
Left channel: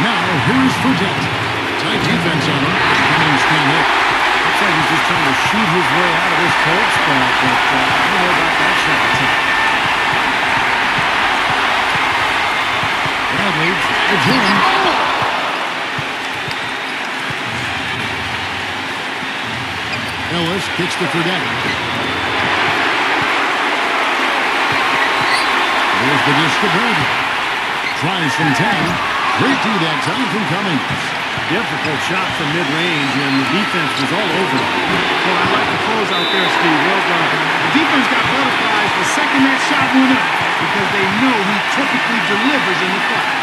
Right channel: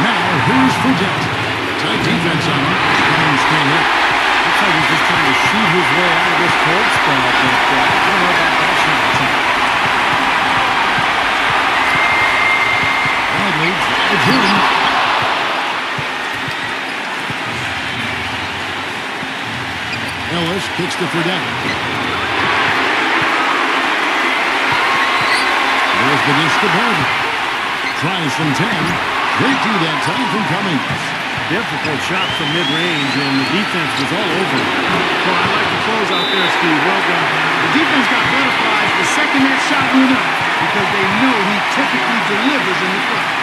Now, here's Fredette. Tight defense on him. Cummings can't hit. Looks like he's just trying to shoot his way out of this cold spell, but I don't know about that shot. Bradley drives in. Ellis kicks to Fredette. There's the dish to Bradley. Tries from 10. Great D that time from Cummings. Difficult shot from mid-range, and the defense was all over it. Well, I like the close out there, Steve. Well done. The defense got butterflies the second that shot went up because they know he typically delivers in the clutch.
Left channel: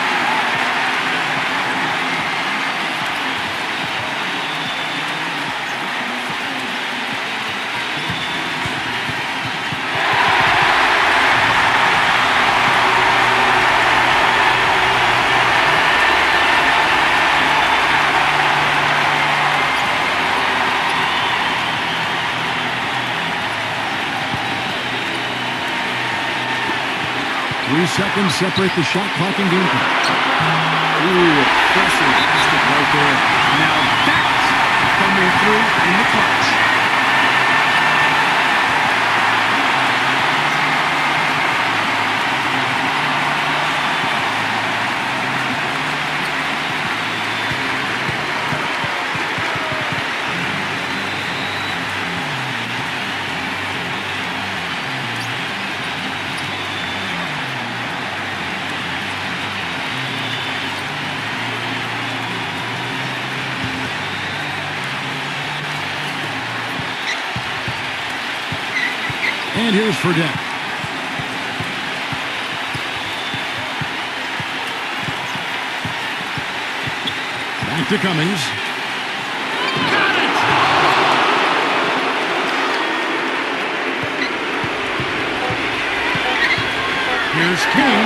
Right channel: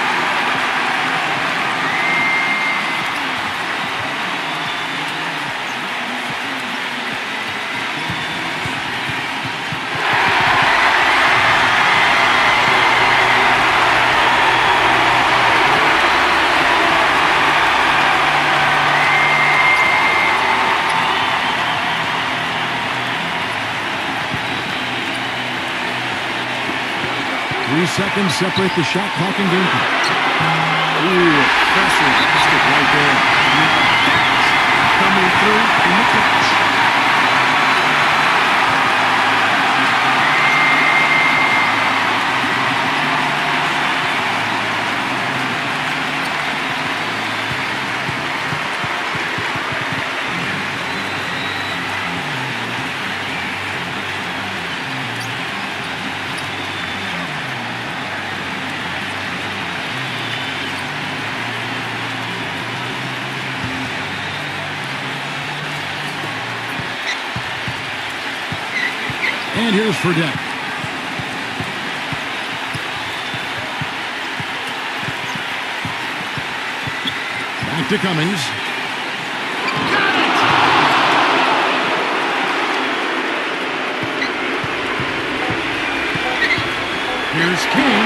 Seconds separate the shot clock and game clock. Ooh, pressure basket right there. Now that's coming through in the clutch. And here's Fredette. Back to Cummings. Got it! Here's King.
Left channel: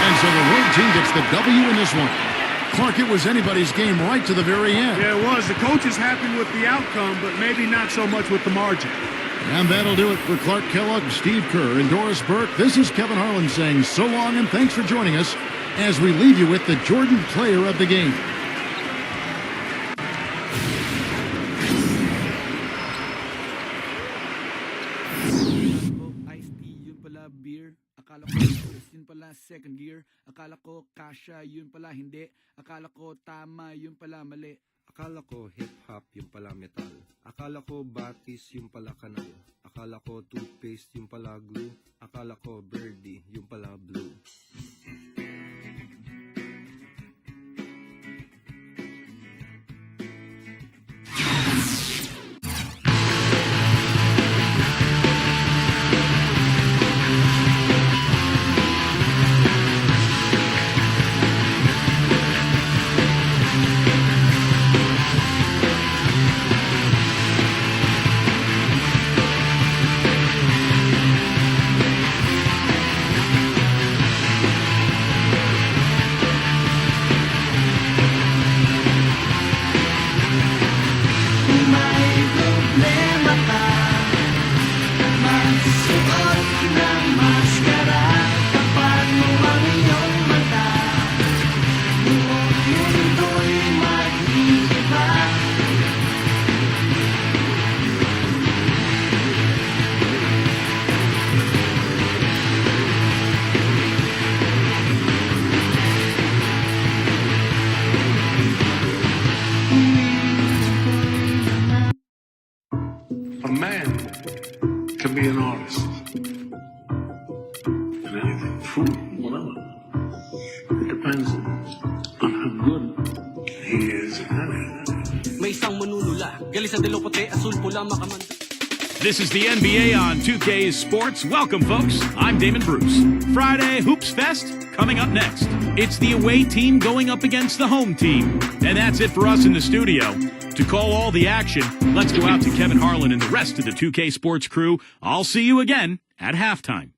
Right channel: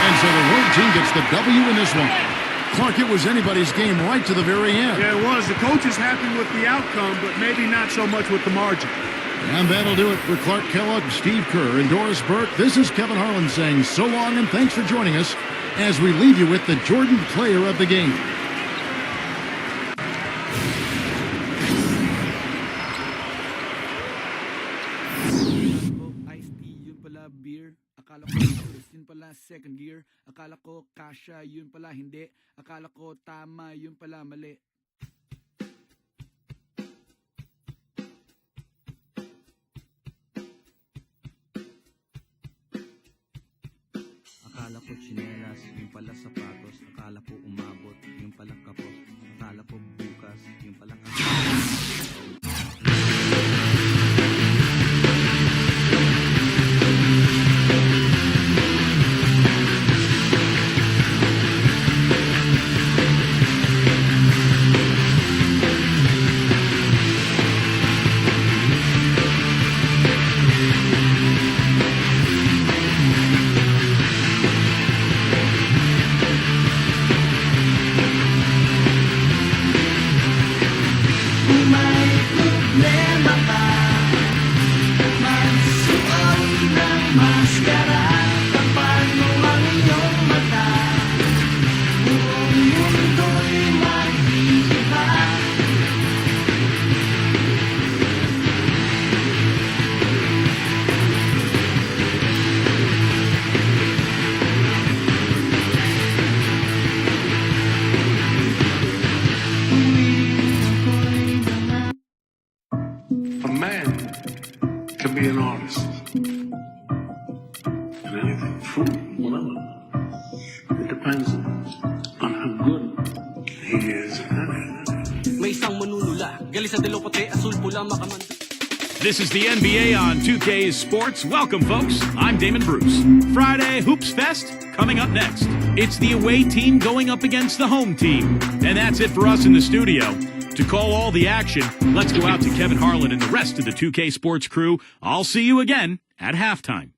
And so the road team gets the W in this one. Clark, it was anybody's game right to the very end. Yeah, it was. The coach is happy with the outcome, but maybe not so much with the margin. And that'll do it for Clark Kellogg, Steve Kerr, and Doris Burke. This is Kevin Harlan saying so long and thanks for joining us as we leave you with the Jordan player of the game. Iced tea, yun pala beer. Akala ko yun pala second gear. Akala ko kasha, yun pala hindi. Akala ko tama, yun pala mali. Akala ko hip-hop, yun pala metal. Akala ko batis, yun pala kanal. Akala ko toothpaste, yun pala glue. Akala ko birdie, yun pala blue. Akala ko chinelas, yun pala sapatos. Akala ko umabot, yun pala kapos. Akala ko bukas, yun pala A man can be an artist. And anything, food, whatever. It depends on how good he is at it. May isang manunula, gali sa dilaw puti, asul pula makamanda. This is the NBA on 2K Sports. Welcome, folks. I'm Damon Bruce. Friday Hoops Fest coming up next. It's the away team going up against the home team. And that's it for us in the studio. To call all the action, let's go out to Kevin Harlan and the rest of the 2K Sports crew. I'll see you again at halftime.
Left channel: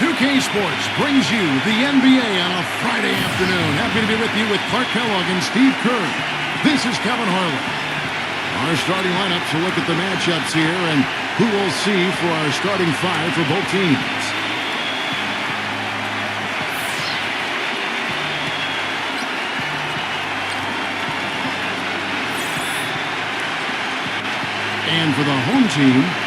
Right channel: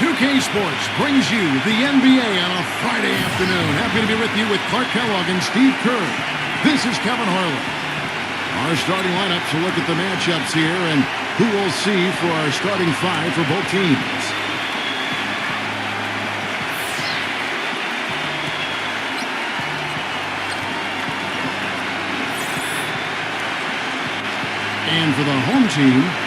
2K Sports brings you the NBA on a Friday afternoon. Happy to be with you with Clark Kellogg and Steve Kerr. This is Kevin Harlan. Our starting lineups will look at the matchups here and who we'll see for our starting five for both teams. And for the home team,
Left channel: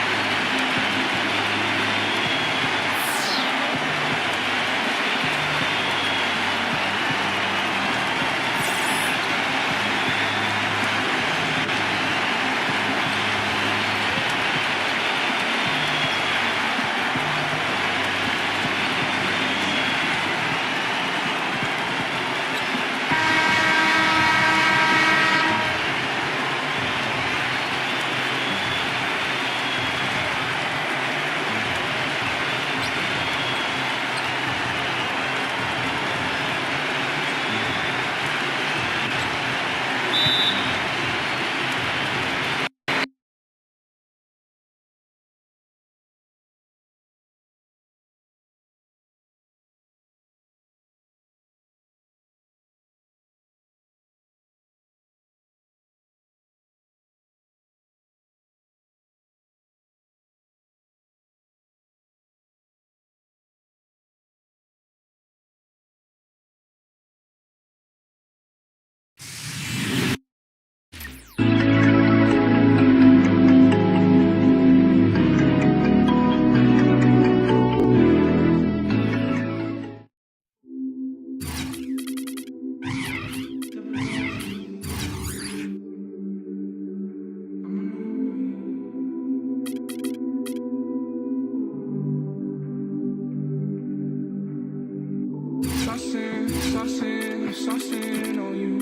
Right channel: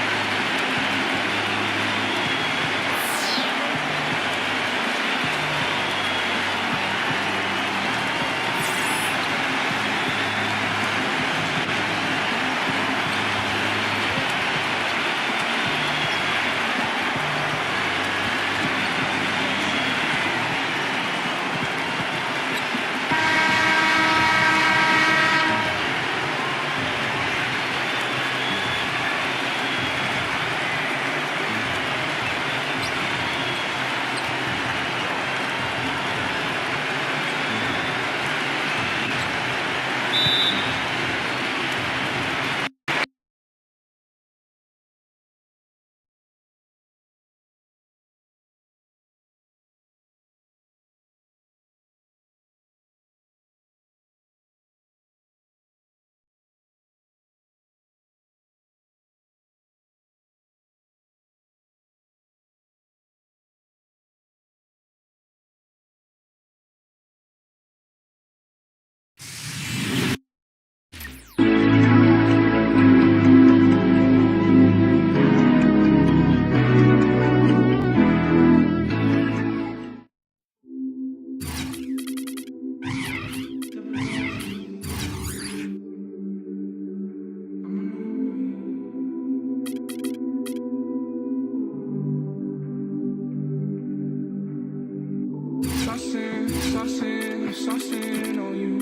saucing on you.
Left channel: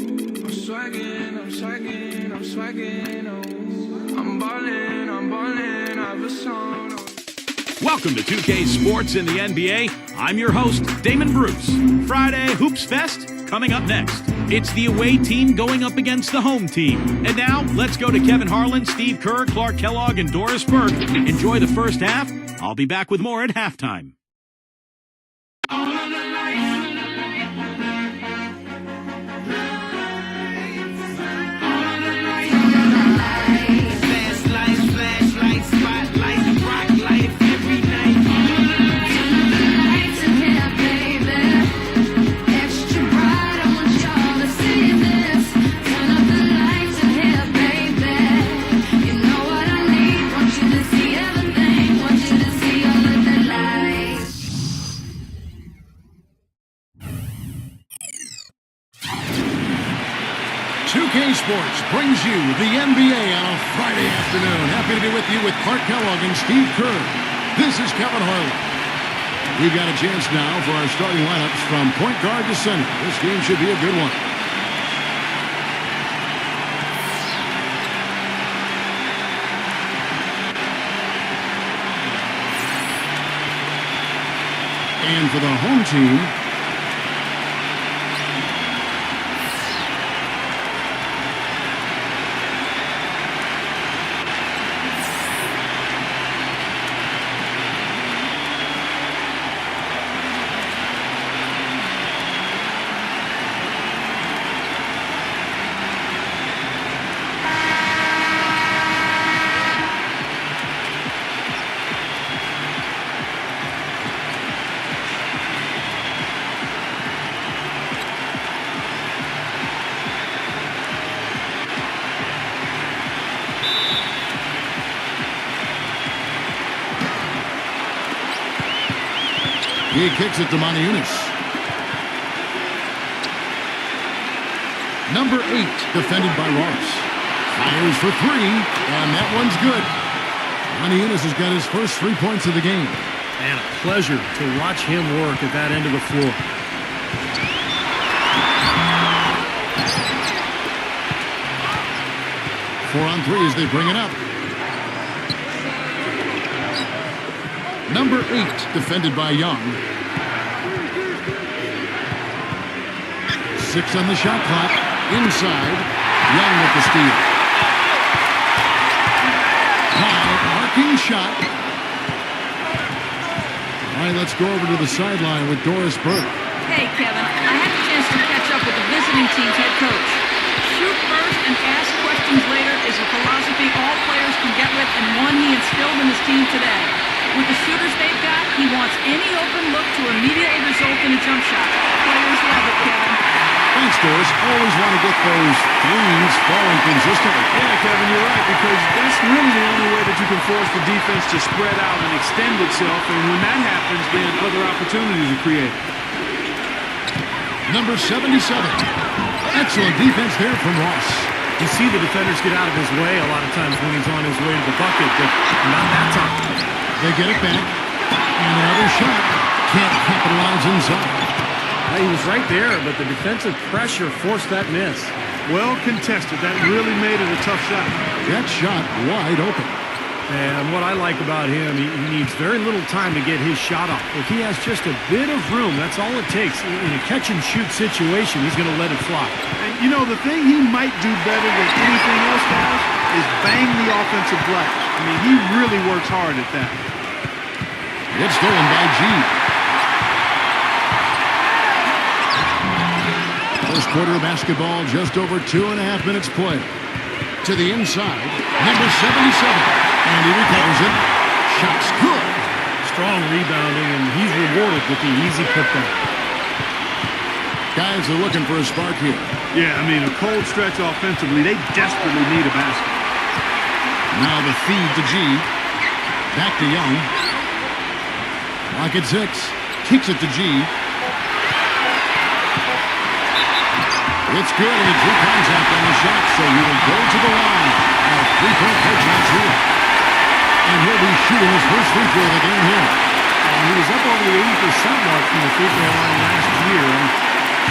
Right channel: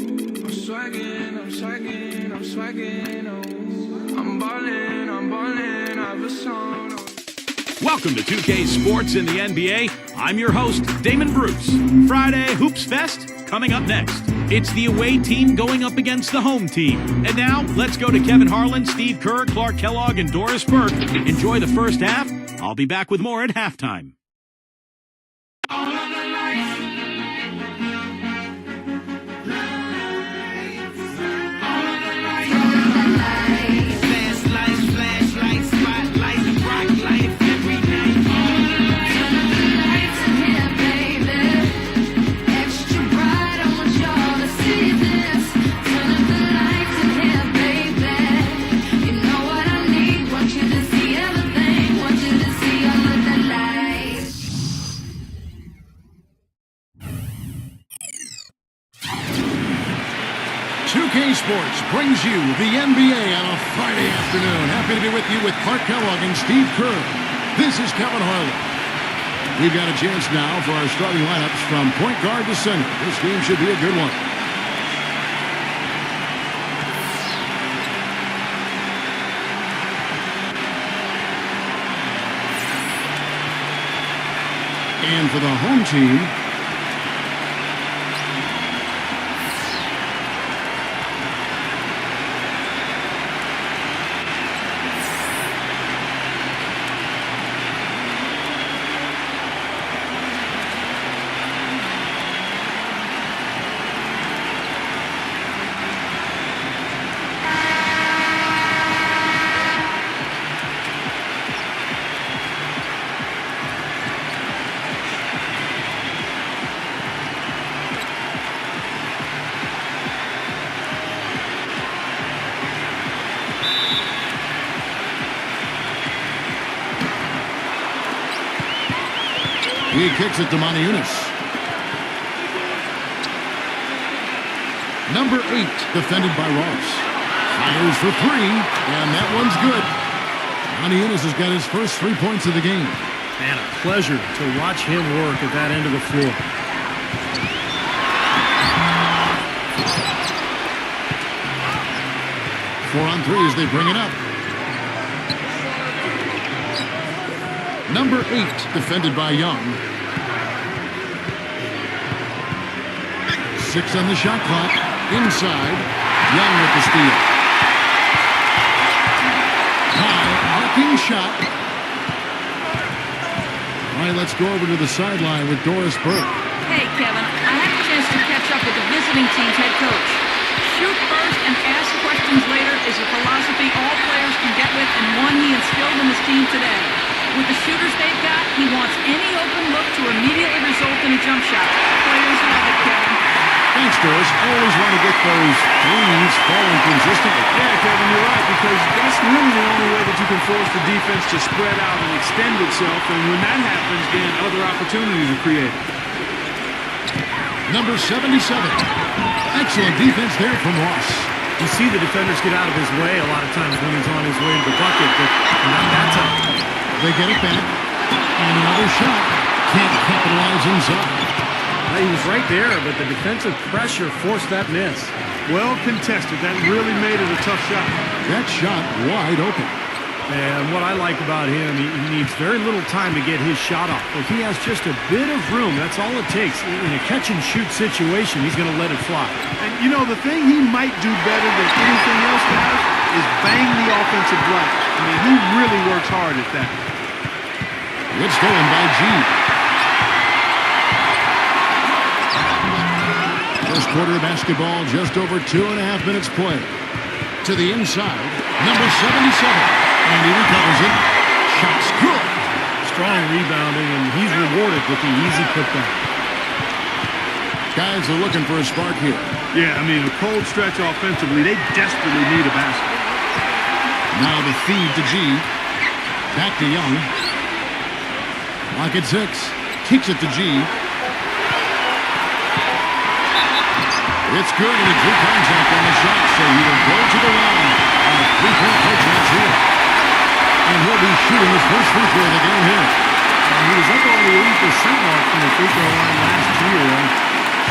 I'm swagging, oh. I'm ballin', I've a song. Welcome to 2K Sports in the NBA. I'm your host, Damon Bruce. Friday Hoops Fest coming up next. It's the away team going up against the home team. And now, let's go to Kevin Harlan, Steve Kerr, Clark Kellogg, and Doris Burke. Enjoy the first half. I'll be back with more at halftime. Want you 2K Sports brings you the NBA on a Friday afternoon. Happy to be with you with Clark Kellogg and Steve Kerr. This is Kevin Harlan. We've got a chance now for our starting lineups from point guard to center. This game should be a good one. And for the home team, he kicks it to Moniunas. Number 8, defended by Ross. Fires for 3, and that one's good. Moniunas has got his first 3 points of the game. Man, a pleasure to watch him work at that end of the floor. Four on 3 as they bring it up. Number 8, defended by Young. 6 on the shot clock. Inside. Young with the steal. High arcing shot. All right, let's go over to the sideline with Doris Burke. Hey, Kevin, I had a chance to catch up with the visiting team's head coach. Shoot first and ask questions later is a philosophy all players can get with and one he instilled in his team today. With the shooters they've got, he wants any open look to immediately result in a jump shot. Players love it, Kevin. Thanks, Doris. Always want to get those threes falling consistently. Yeah, Kevin, you're right, because that's really the only way that you can force the defense to spread out and extend itself, and when that happens, then other opportunities are created. Number 77. Excellent defense there from Ross. You see the defenders get out of his way a lot of times when he's on his way to the bucket, but not that time. They get it back, and another shot. Can't capitalize inside. He was right there, but the defensive pressure forced that miss. Well contested. That really made it a tough shot. That shot wide open. And what I like about him, he needs very little time to get his shot off. If he has just a bit of room, that's all it takes. In a catch-and-shoot situation, he's going to let it fly. And, you know, the thing he might do better than anything else, guys, is bang the offensive glass. I mean, he really works hard at that. It's stolen by G. First quarter of basketball, just over 2.5 minutes play. To the inside, number 77. And he recovers it. Shot's good. Strong rebounding, and he's rewarded with the easy putback. Guys are looking for a spark here. Yeah, I mean, a cold stretch offensively. They desperately need a basket. Now the feed to G. Back to Young. Lock at 6. Kicks it to G. It's good, and he drew contact on the shot, so he will go to the line. A three-point play chance here. And he'll be shooting his first free throw of the game here. And he was up over the 80% mark from the free throw line last year. I'm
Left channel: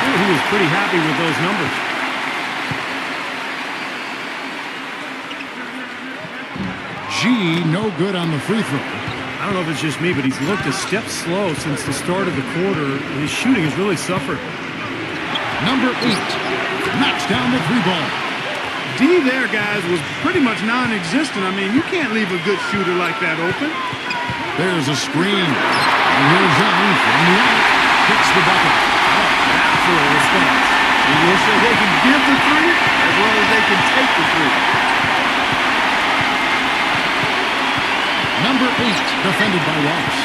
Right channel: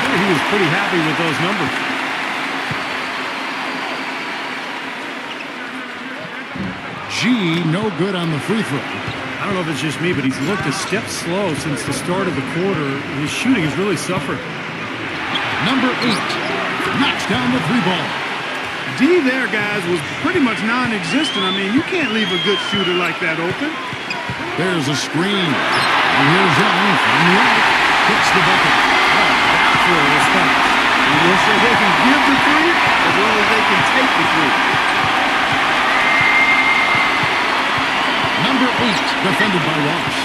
sure he was pretty happy with those numbers. G, no good on the free throw. I don't know if it's just me, but he's looked a step slow since the start of the quarter. His shooting has really suffered. Number 8 knocks down the 3 ball. D there, guys, was pretty much non-existent. I mean, you can't leave a good shooter like that open. There's a screen. And here's Young from the arc. Kicks the bucket. Well, that for a response. We will say they can give the 3 as well as they can take the 3. Number 8, defended by Ross.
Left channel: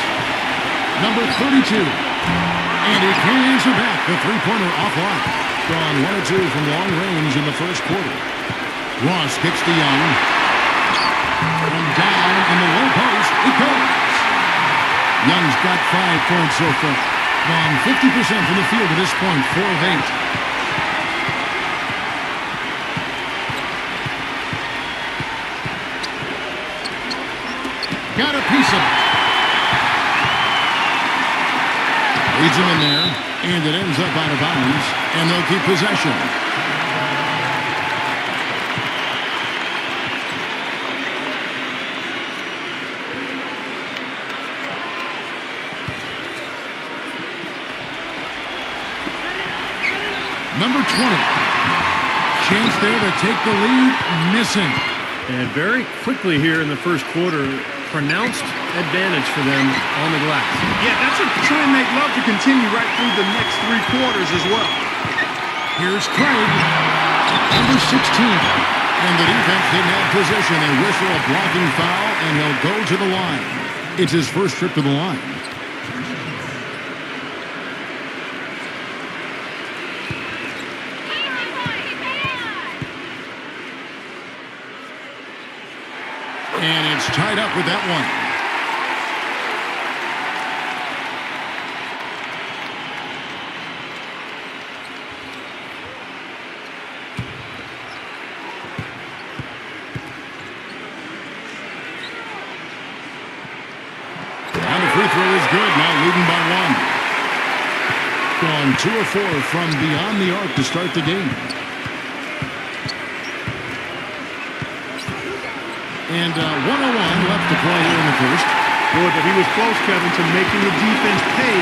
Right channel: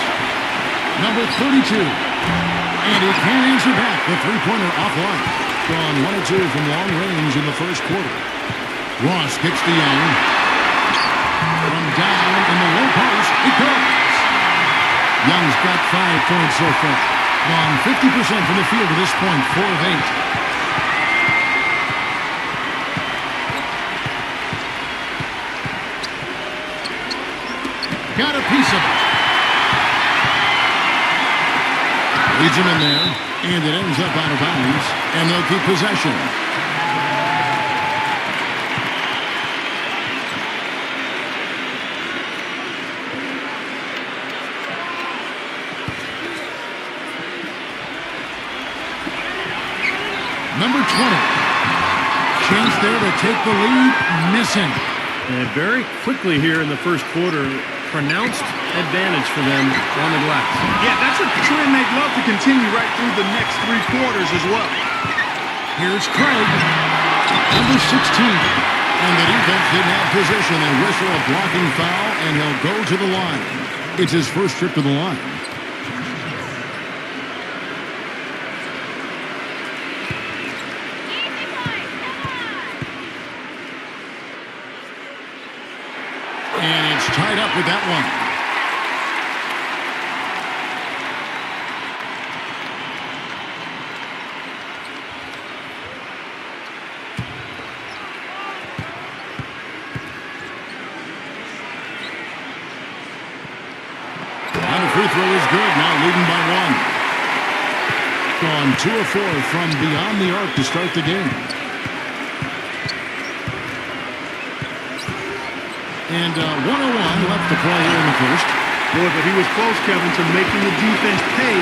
Number 32. And he can't answer back. The three-pointer offline. Gone 1 or 2 from long range in the first quarter. Ross kicks to Young. From down in the low post, it goes. Young's got 5 points so far. Gone 50% from the field at this point, 4 of 8. got a piece of it. Leads him in there, and it ends up out of bounds, and they'll keep possession. Number 20. Chance there to take the lead, missing. And very quickly here in the first quarter, pronounced advantage for them on the glass. Yeah, that's a trend they'd love to continue right through the next 3 quarters as well. Here's Craig, number 16. And the defense didn't have position. They whistle a blocking foul, and he'll go to the line. It's his first trip to the line. And it's tied up with that one. And the free throw is good. Now leading by 1. Gone 2 of 4 from beyond the arc to start the game. And 101 left to play here in the first. Boy, but he was close, Kevin, to making the defense pay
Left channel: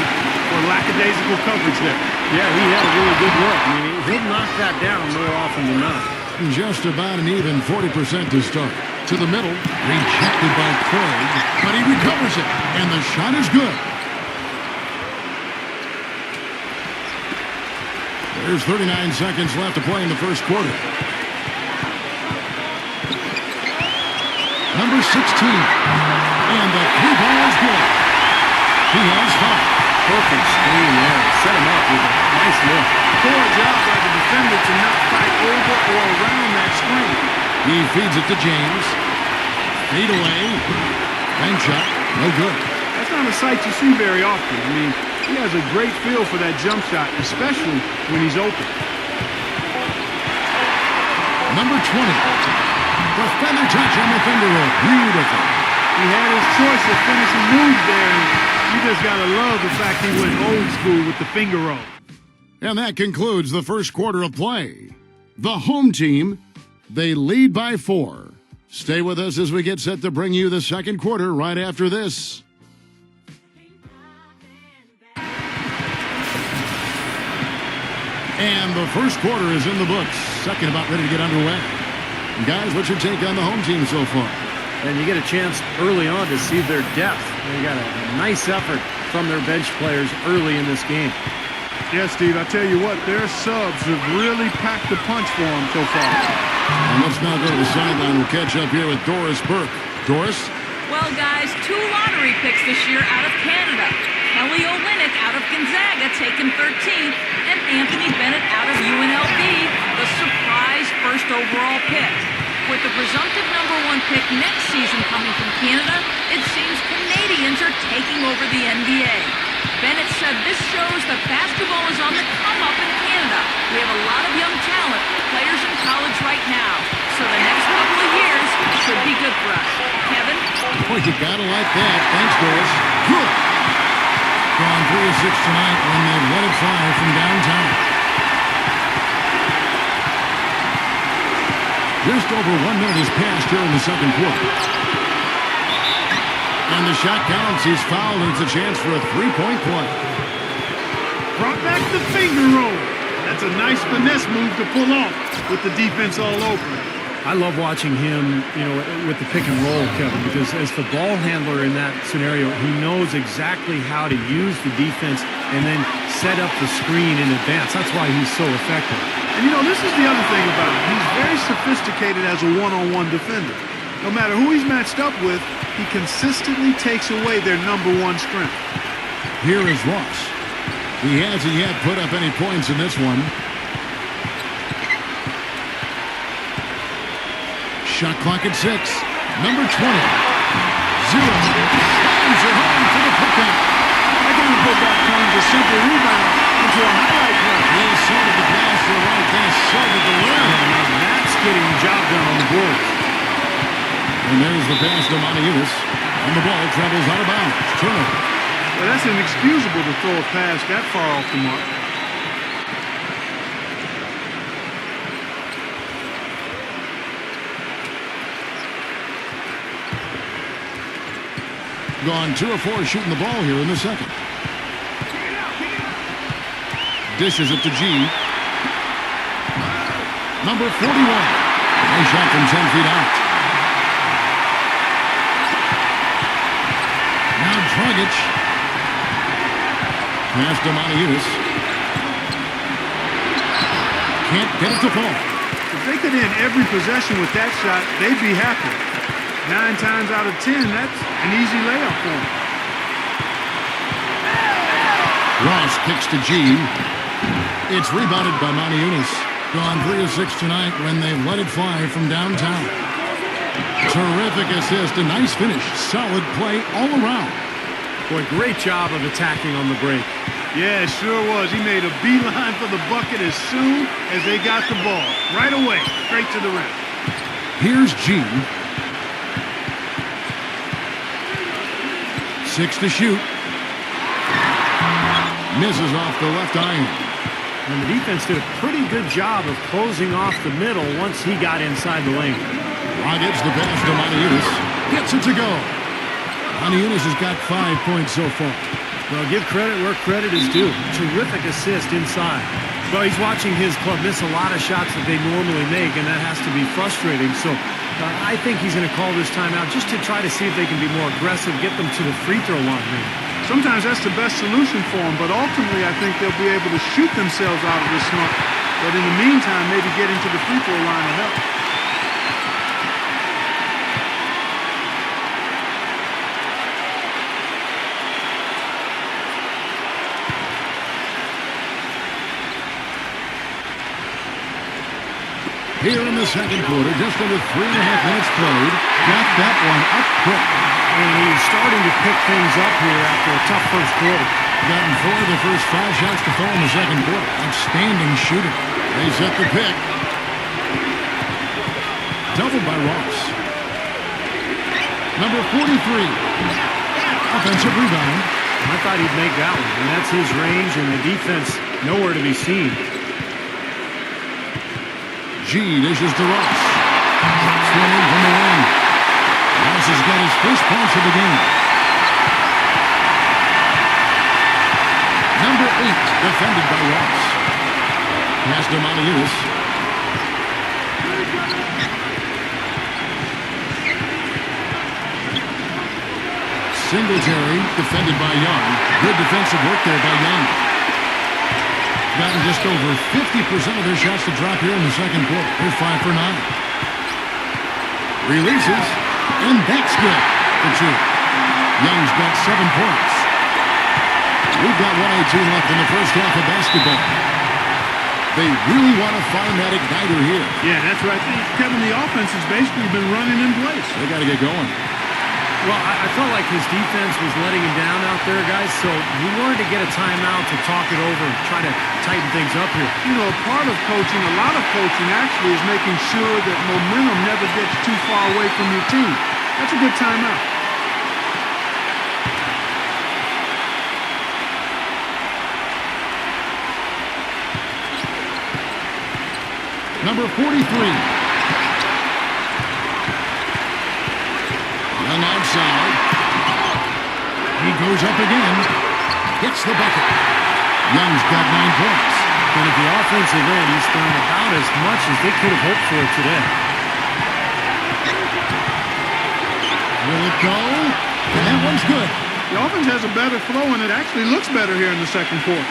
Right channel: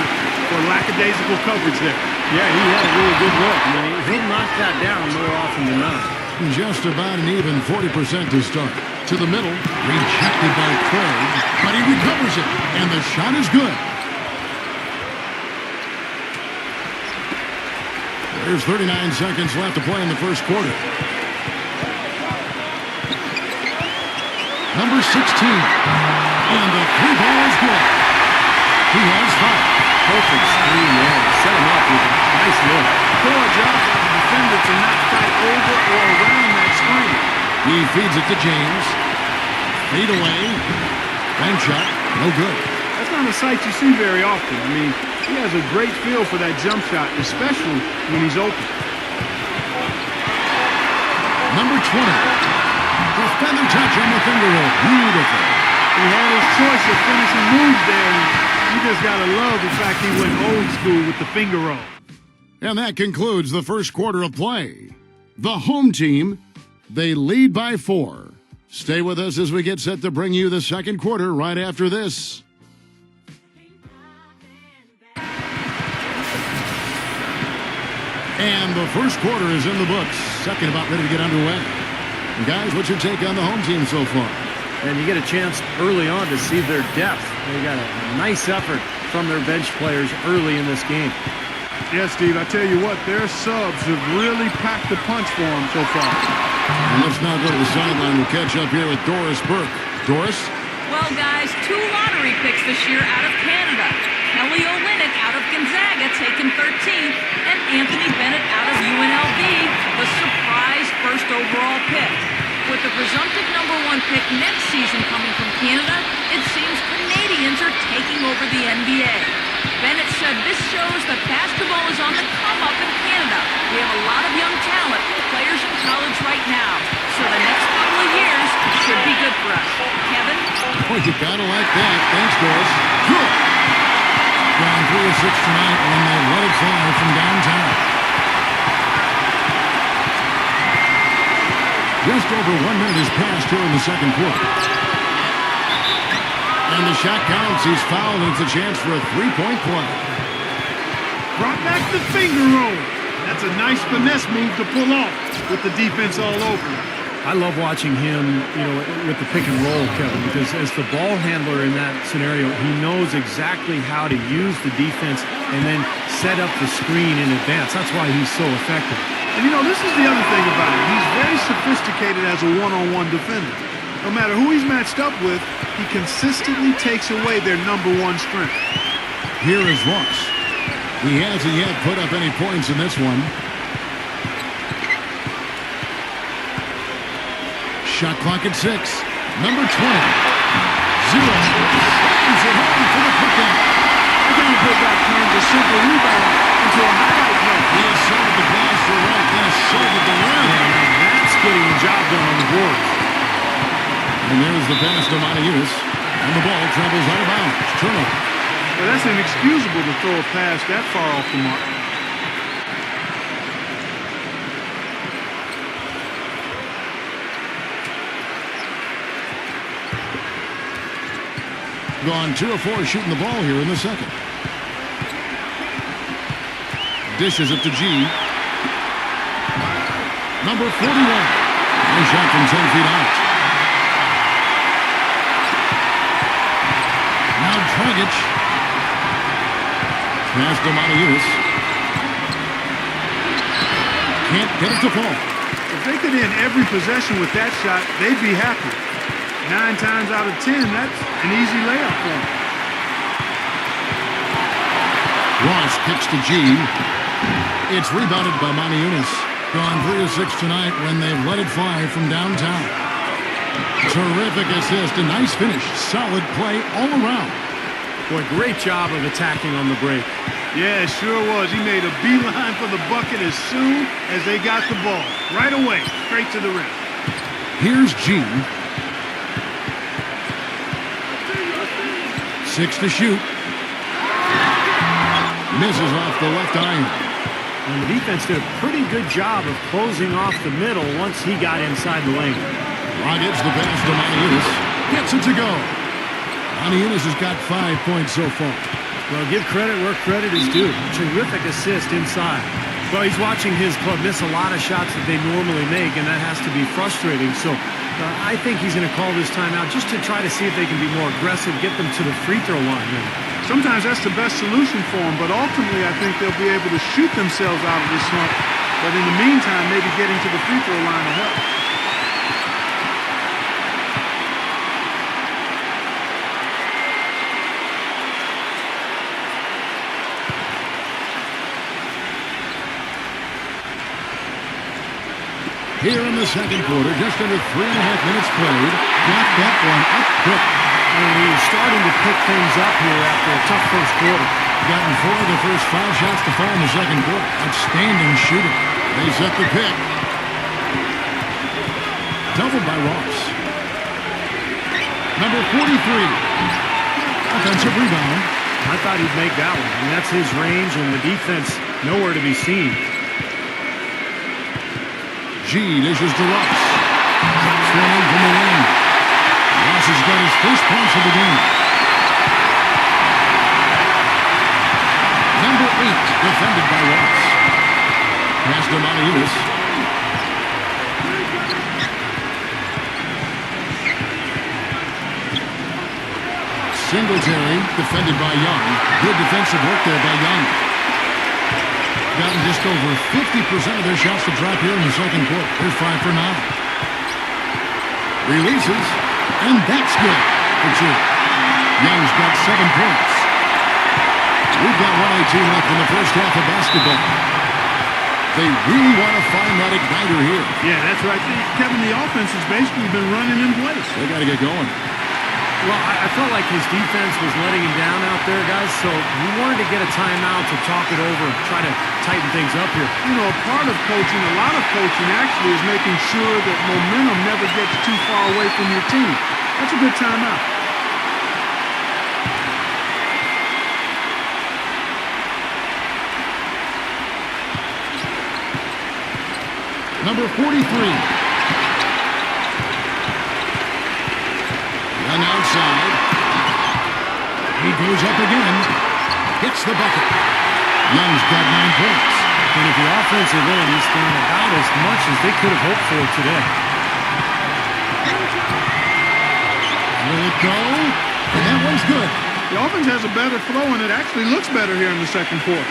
for lackadaisical coverage there. Yeah, he had a really good look. I mean, he'll knock that down more often than not. Just about an even 40% to start. To the middle, rejected by Craig, but he recovers it, and the shot is good. There's 39 seconds left to play in the first quarter. Number 16. And the 3-ball is good. He has 5. Perfect screen there. Set him up with a nice look. Poor job by the defender to not fight over or around that screen. He feeds it to James. Fade away. Bank shot. No good. That's not a sight you see very often. I mean, he has a great feel for that jump shot, especially when he's open. Number 20. The feather touch on the finger roll. Beautiful. He had his choice of finishing moves there, and you just got to love the fact he went old school with the finger roll. And that concludes the first quarter of play. The home team, they lead by 4. Stay with us as we get set to bring you the second quarter right after this. And the first quarter is in the books. Second about ready to get underway. Guys, what's your take on the home team so far? And you get a chance early on to see their depth. They got a nice effort from their bench players early in this game. Yeah, Steve, I tell you what, their subs have really packed the punch for them so far. And let's now go to the sideline. We'll catch up here with Doris Burke. Doris? Well, guys, 2 lottery picks this year out of Canada. Kelly Olynyk out of Gonzaga, taken 13th, and Anthony Bennett out of UNLV, the surprise first overall pick. With the presumptive number 1 pick next season coming from Canada, it seems Canadians are taking over the NBA. Bennett said this shows that basketball is on the come-up in Canada. We have a lot of young talent, players in college right now. So the next couple of years should be good for us. Kevin? Boy, you gotta like that. Thanks, Doris. Good. Gone 3 of 6 tonight when they let it fly from downtown. Just over 1 minute has passed here in the second quarter. And the shot counts. He's fouled, and it's a chance for a 3-point play. Brought back the finger roll. That's a nice finesse move to pull off with the defense all over him. I love watching him, with the pick and roll, Kevin, because as the ball handler in that scenario, he knows exactly how to use the defense and then set up the screen in advance. That's why he's so effective. And, this is the other thing about him. He's very sophisticated as a one-on-one defender. No matter who he's matched up with, he consistently takes away their number 1 strength. Here is Ross. He hasn't yet put up any points in this one. Shot clock at 6. Number 20. 0. Slams it home for the putback. That kind of putback turns a simple rebound into a highlight play. He has sorted the pass to the right, then sorted the rim. Yeah, now that's getting the job done on the board. And there's the pass to Monteudis. And the ball travels out of bounds. Turnover. Well, that's inexcusable to throw a pass that far off the mark. Gone 2 of 4 shooting the ball here in the second. Dishes it to G. Number 41. Nice shot from 10 feet out. Now Dragic. Pass to Moniunas. Can't get it to fall. If they could end every possession with that shot, they'd be happy. 9 times out of 10, that's an easy layup for them. Ross kicks to G. It's rebounded by Moniunas. Gone 3 of 6 tonight when they've let it fly from downtown. Terrific assist, a nice finish. Solid play all around. Boy, great job of attacking on the break. Yeah, it sure was. He made a beeline for the bucket as soon as they got the ball. Right away, straight to the rim. Here's G. 6 to shoot. Misses off the left iron. And the defense did a pretty good job of closing off the middle once he got inside the lane. Rockets the pass to Moniunas. Gets it to go. Moniunas has got 5 points so far. Well, give credit where credit is due. Terrific assist inside. Well, he's watching his club miss a lot of shots that they normally make, and that has to be frustrating. So I think he's going to call this timeout just to try to see if they can be more aggressive, get them to the free throw line. Sometimes that's the best solution for them, but ultimately I think they'll be able to shoot themselves out of this slump. But in the meantime, maybe getting to the free throw line will help. Here in the second quarter, just under 3.5 minutes played. Got that one up quick. And he's starting to pick things up here after a tough first quarter. Gotten 4 of the first 5 shots to fall in the second quarter. Outstanding shooting. They set the pick. Doubled by Ross. Number 43. Offensive rebound. I thought he'd make that one. And that's his range, and the defense nowhere to be seen. G dishes to Ross. Drops one in from the wing. Ross has got his first points of the game. Number 8, defended by Ross. Pass to Moniunas. Singletary, defended by Young. Good defensive work there by Young. Gotten just over 50% of their shots to drop here in the second quarter. They're 5 for 9. Releases, and that's good for 2. Young's got 7 points. We've got 1:18 left in the first half of basketball. They really want to find that igniter here. Yeah, that's right. Kevin, the offense has basically been running in place. They got to get going. Well, I felt like his defense was letting him down out there, guys, so he wanted to get a timeout to talk it over, try to tighten things up here. You know, part of coaching, a lot of coaching actually is making sure that momentum never gets too far away from your team. That's a good timeout. Number 43. Young outside. He goes up again. Hits the bucket. Young's got 9 points. And at the offensive end, he's done about as much as they could have hoped for today. Will it go? And that one's good. The offense has a better flow, and it actually looks better here in the second quarter.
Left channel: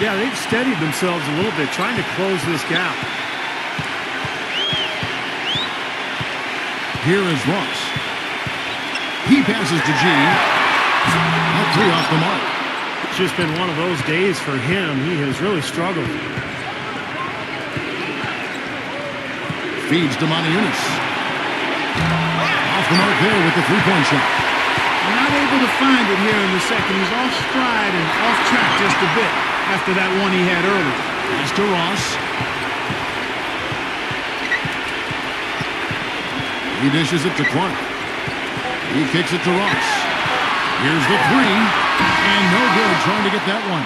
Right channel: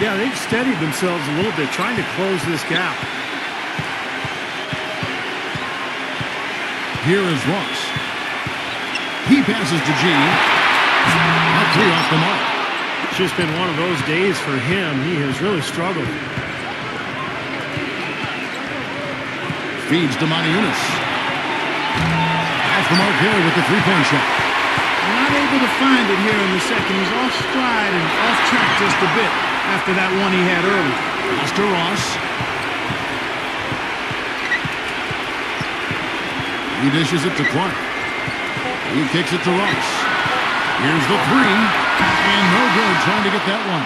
Yeah, they've steadied themselves a little bit, trying to close this gap. Here is Ross. He passes to G. Not 3 off the mark. It's just been one of those days for him. He has really struggled. Feeds to Moniunas. Off the mark there with the 3-point shot. Not able to find it here in the second. He's off stride and off track just a bit after that one he had early. Pass to Ross. He dishes it to Clark. He kicks it to Ross. Here's the three. And no good trying to get that one.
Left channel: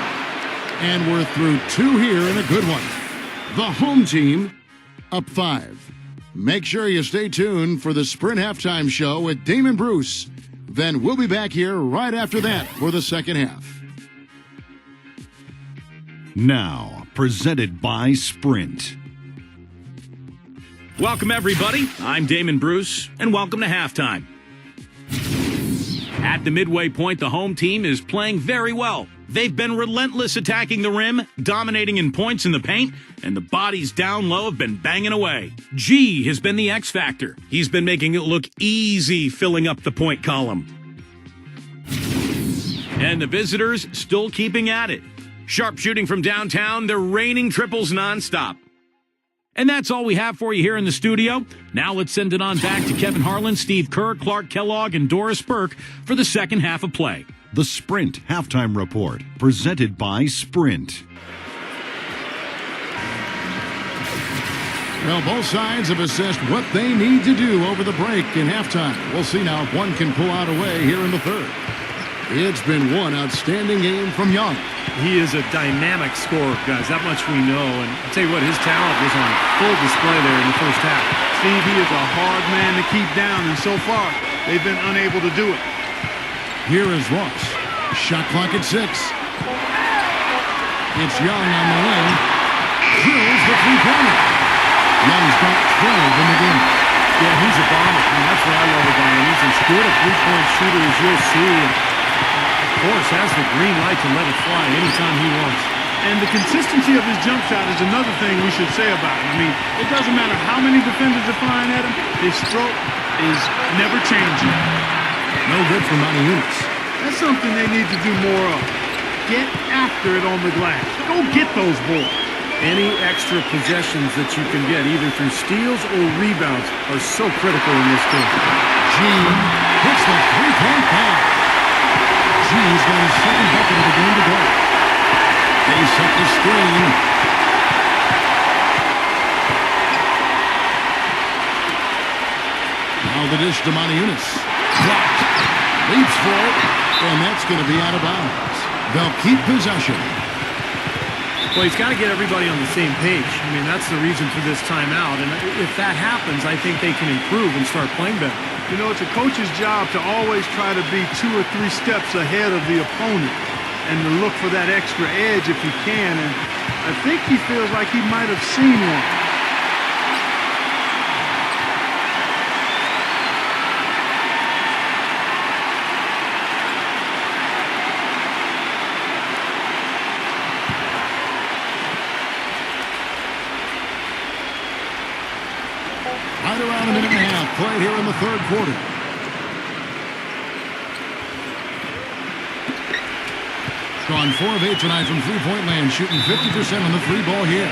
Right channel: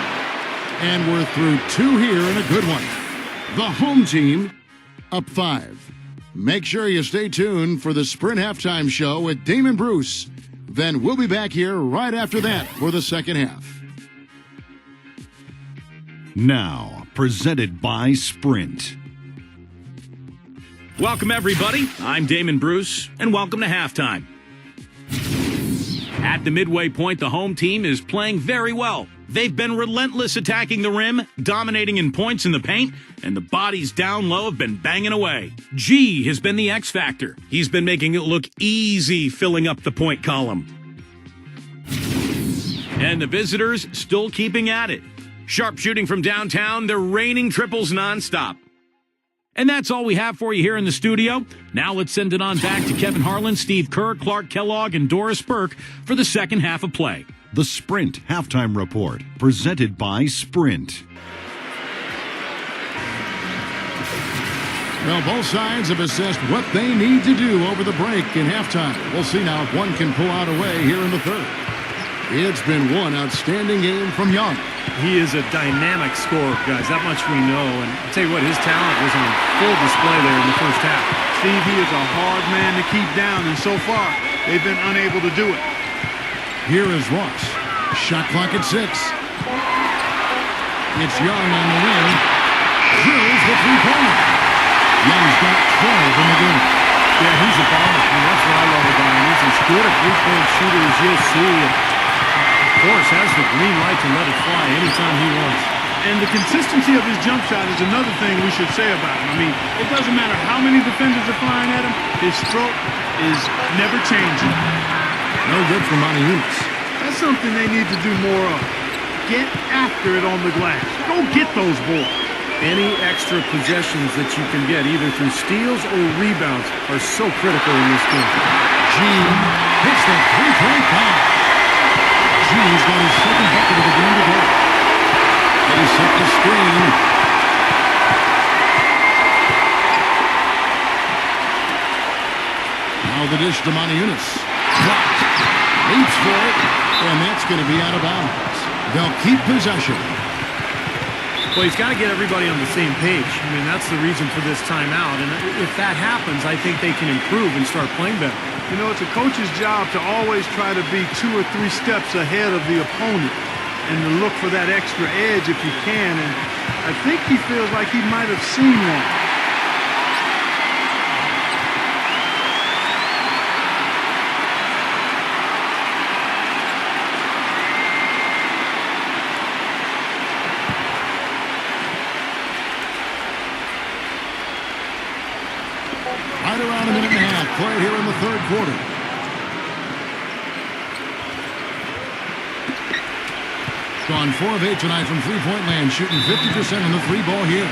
And we're through two here and a good one. The home team up 5. Make sure you stay tuned for the Sprint Halftime Show with Damon Bruce. Then we'll be back here right after that for the second half. Now, presented by Sprint. Welcome, everybody. I'm Damon Bruce, and welcome to halftime. At the midway point, the home team is playing very well. They've been relentless attacking the rim, dominating in points in the paint, and the bodies down low have been banging away. G has been the X factor. He's been making it look easy filling up the point column. And the visitors still keeping at it. Sharp shooting from downtown, they're raining triples nonstop. And that's all we have for you here in the studio. Now let's send it on back to Kevin Harlan, Steve Kerr, Clark Kellogg, and Doris Burke for the second half of play. The Sprint Halftime Report, presented by Sprint. Well, both sides have assessed what they need to do over the break in halftime. We'll see now if one can pull out a way here in the third. It's been one outstanding game from Young. He is a dynamic scorer, guys. That much we know. And I'll tell you what, his talent was on full display there in the first half. Steve, he is a hard man to keep down, and so far, they've been unable to do it. Here is Ross. Shot clock at 6. It's Young on the wing. Drills the three-pointer. Young's got 12 in the game. Yeah, he's a bomber. I mean, that's what I love about him. He's as good a three-point shooter as you'll see. And of course, has the green light to let it fly anytime he wants. And the consistency of his jump shot is another thing we should say about him. I mean, it doesn't matter how many defenders are flying at him, his stroke is never changing. No good for Monty Eunice. That's something they need to do more of. Get after it on the glass. Go get those boards. Any extra possessions that you can get, either through steals or rebounds, are so critical in this game. G hits the three-point foul. G's got his second bucket of the game to go. They set the screen. Now the dish to Monty Eunice. Blocked. Leaps for it, and that's going to be out of bounds. They'll keep possession. Well, he's got to get everybody on the same page. I mean, that's the reason for this timeout. And if that happens, I think they can improve and start playing better. You know, it's a coach's job to always try to be 2 or 3 steps ahead of the opponent and to look for that extra edge if you can. And I think he feels like he might have seen one. Right around a minute and a half played here in the third quarter. Gone 4 of 8 tonight from three-point land, shooting 50% on the three ball here.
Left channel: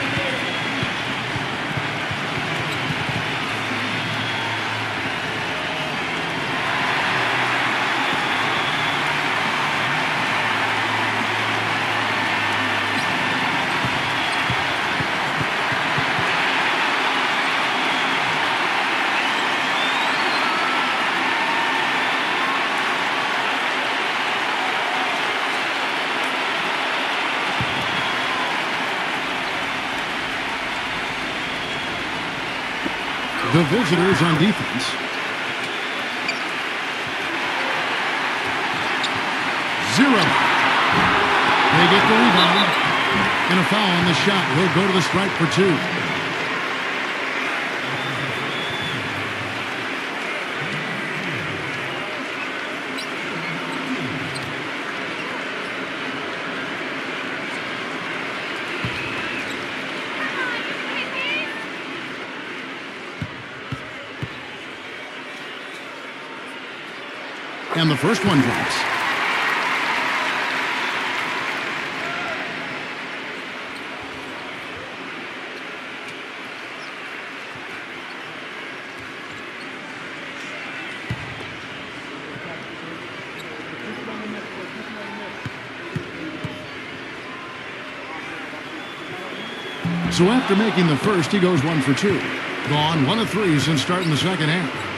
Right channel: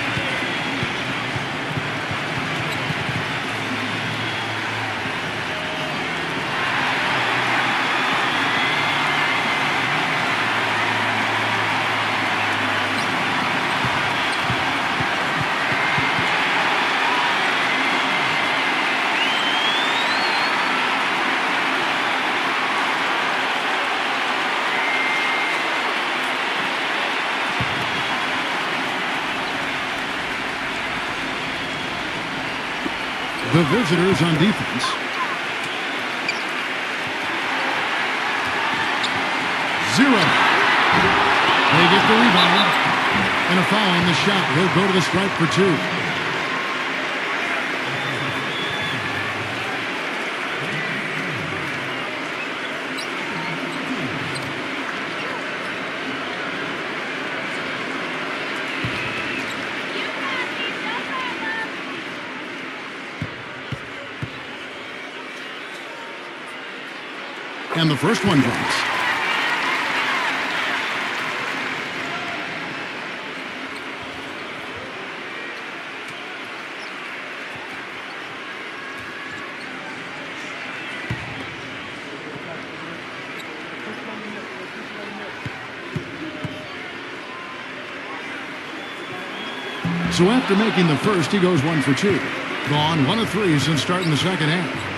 The visitors on defense. Zero. They get the rebound. And a foul on the shot. He'll go to the stripe for 2. And the first one drops. So after making the first, he goes 1 for 2. Gone 1 of 3 since starting the second half.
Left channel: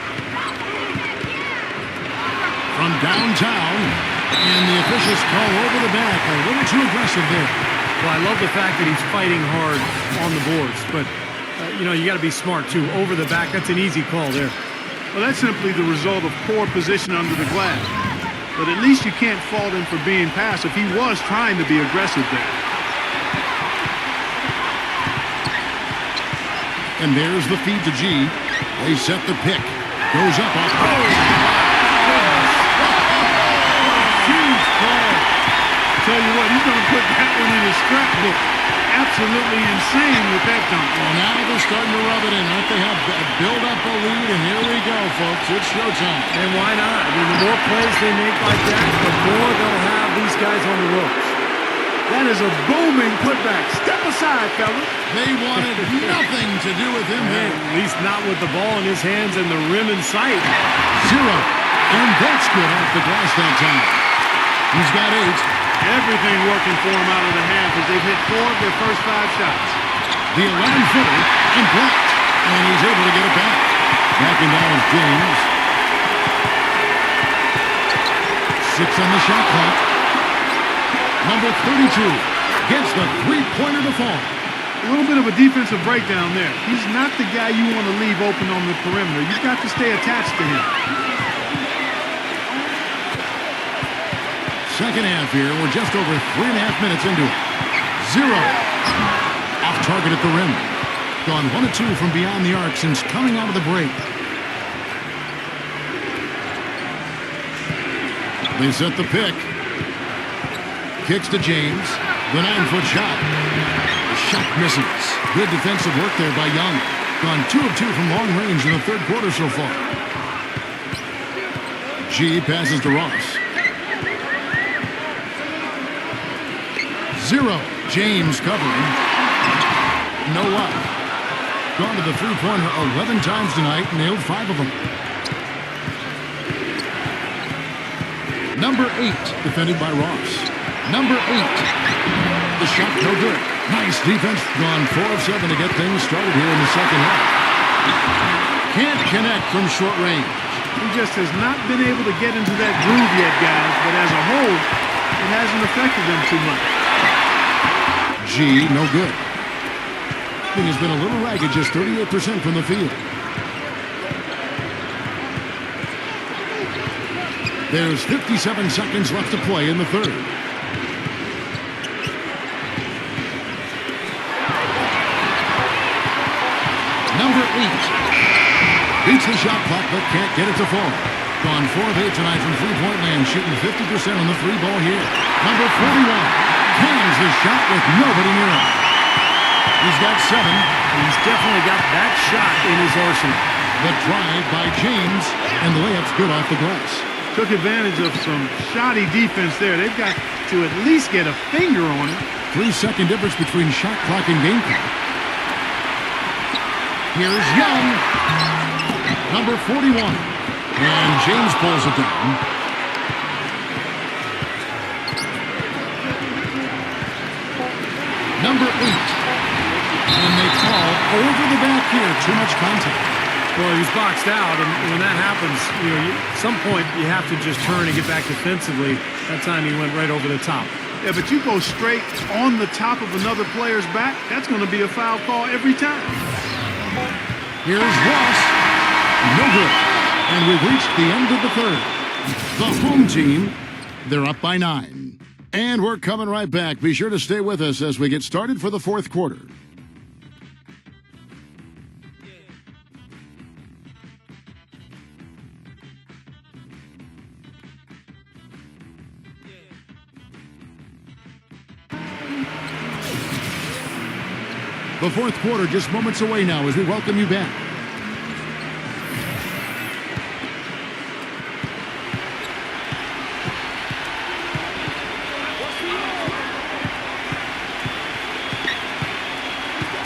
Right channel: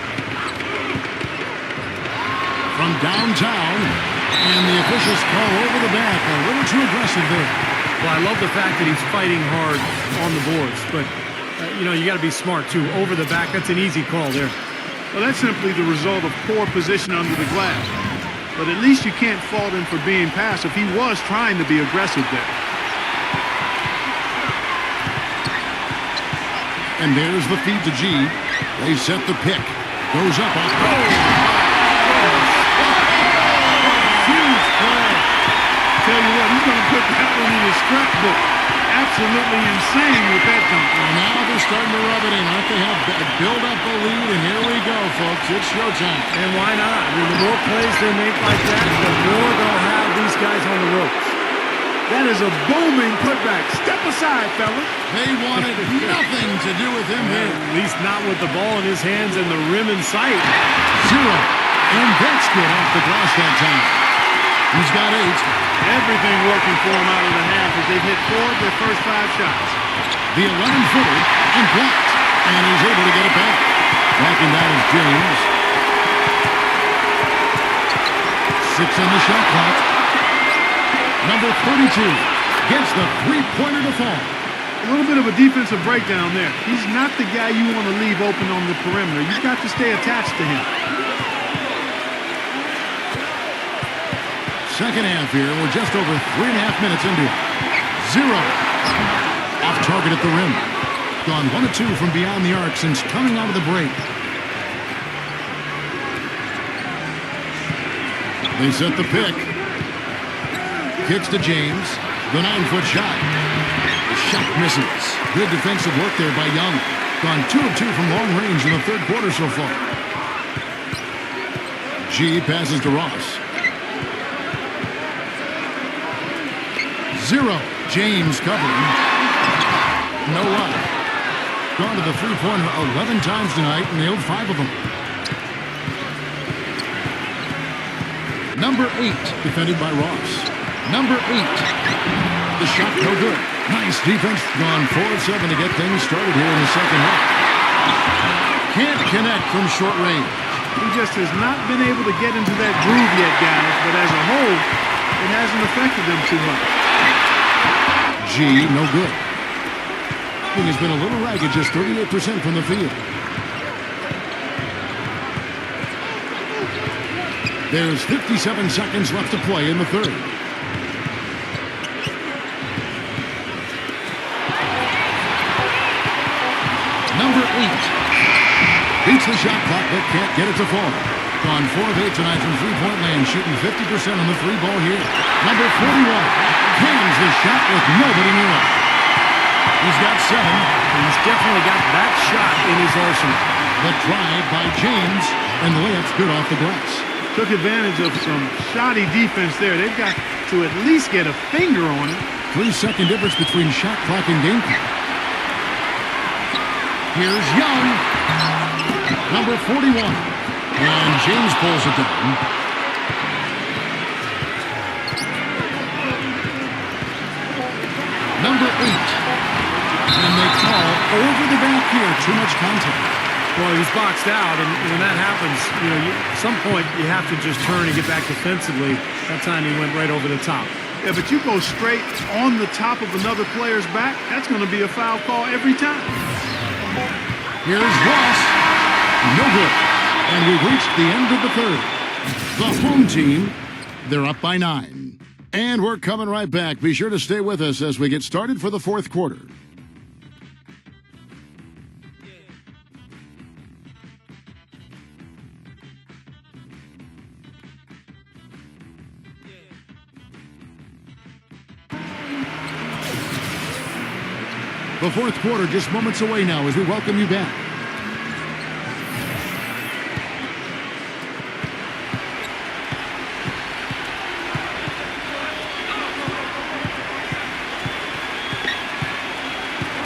from downtown, and the officials call over the back. A little too aggressive there. Well, I love the fact that he's fighting hard on the boards, but, you got to be smart, too. Over the back, that's an easy call there. Well, that's simply the result of poor position under the glass. But at least you can't fault him for being passive. He was trying to be aggressive there. And there's the feed to G. They set the pick. Goes up off. Oh, my goodness. Huge play. Tell you what, he's going to put that one in his scrapbook. Absolutely insane with that dunk. Well, now they're starting to rub it in, aren't they? Have build up a lead, and here we go, folks. It's showtime. And why not? I mean, the more plays they make like that, the more they'll have these guys on the ropes. That is a booming putback. Step aside, fellas. They wanted nothing to do with him here. At least not with the ball in his hands and the rim in sight. 0. And that's good off the glass that time. He's got 8. Everything working for him out of the half as they've hit 4 of their first 5 shots. The 11-footer and blocked. And he's able to get it back. Backing down is James. 6 on the shot clock. Number 32 gets the three-pointer to fall. A little bit of a defensive breakdown there. He's not the guy you want to leave open on the perimeter. You've got to stay attached to him. Second half here. We're just over 3.5 minutes into it. 0. Off target at the rim. Gone 1 of 2 from beyond the arc since coming out of the break. They set the pick. Kicks to James. The 9-foot shot. The shot misses. Good defensive work there by Young. Gone 2 of 2 from long range in the third quarter so far. G passes to Ross. 0. James covering. No luck. Gone to the three-pointer 11 times tonight. Nailed 5 of them. Number 8 defended by Ross. Number 8. The shot no good. Nice defense. Gone 4 of 7 to get things started here in the second half. Can't connect from short range. He just has not been able to get into that groove yet, guys. But as a whole, it hasn't affected them too much. G, no good. Thing has been a little ragged, just 38% from the field. There's 57 seconds left to play in the third. Number 8 beats the shot clock but can't get it to fall. Gone 4 of 8 tonight from three-point land, shooting 50% on the three ball here. Number 41 cans the shot with nobody near him. He's got 7. He's definitely got that shot in his arsenal. The drive by James, and the layup's good off the glass. Took advantage of some shoddy defense there. They've got to at least get a finger on it. 3-second difference between shot clock and game clock. Here's Young. Number 41. And James pulls it down. Number 8. And they call over the back here. Too much contact. Well, he's boxed out, and when that happens, at some point you have to just turn and get back defensively. That time he went right over the top. Yeah, but you go straight on the top of another player's back, that's going to be a foul call every time. Here's Ross. No good. And we've reached the end of the third. The home team, they're up by 9. And we're coming right back. Be sure to stay with us as we get started for the fourth quarter. The fourth quarter just moments away now as we welcome you back.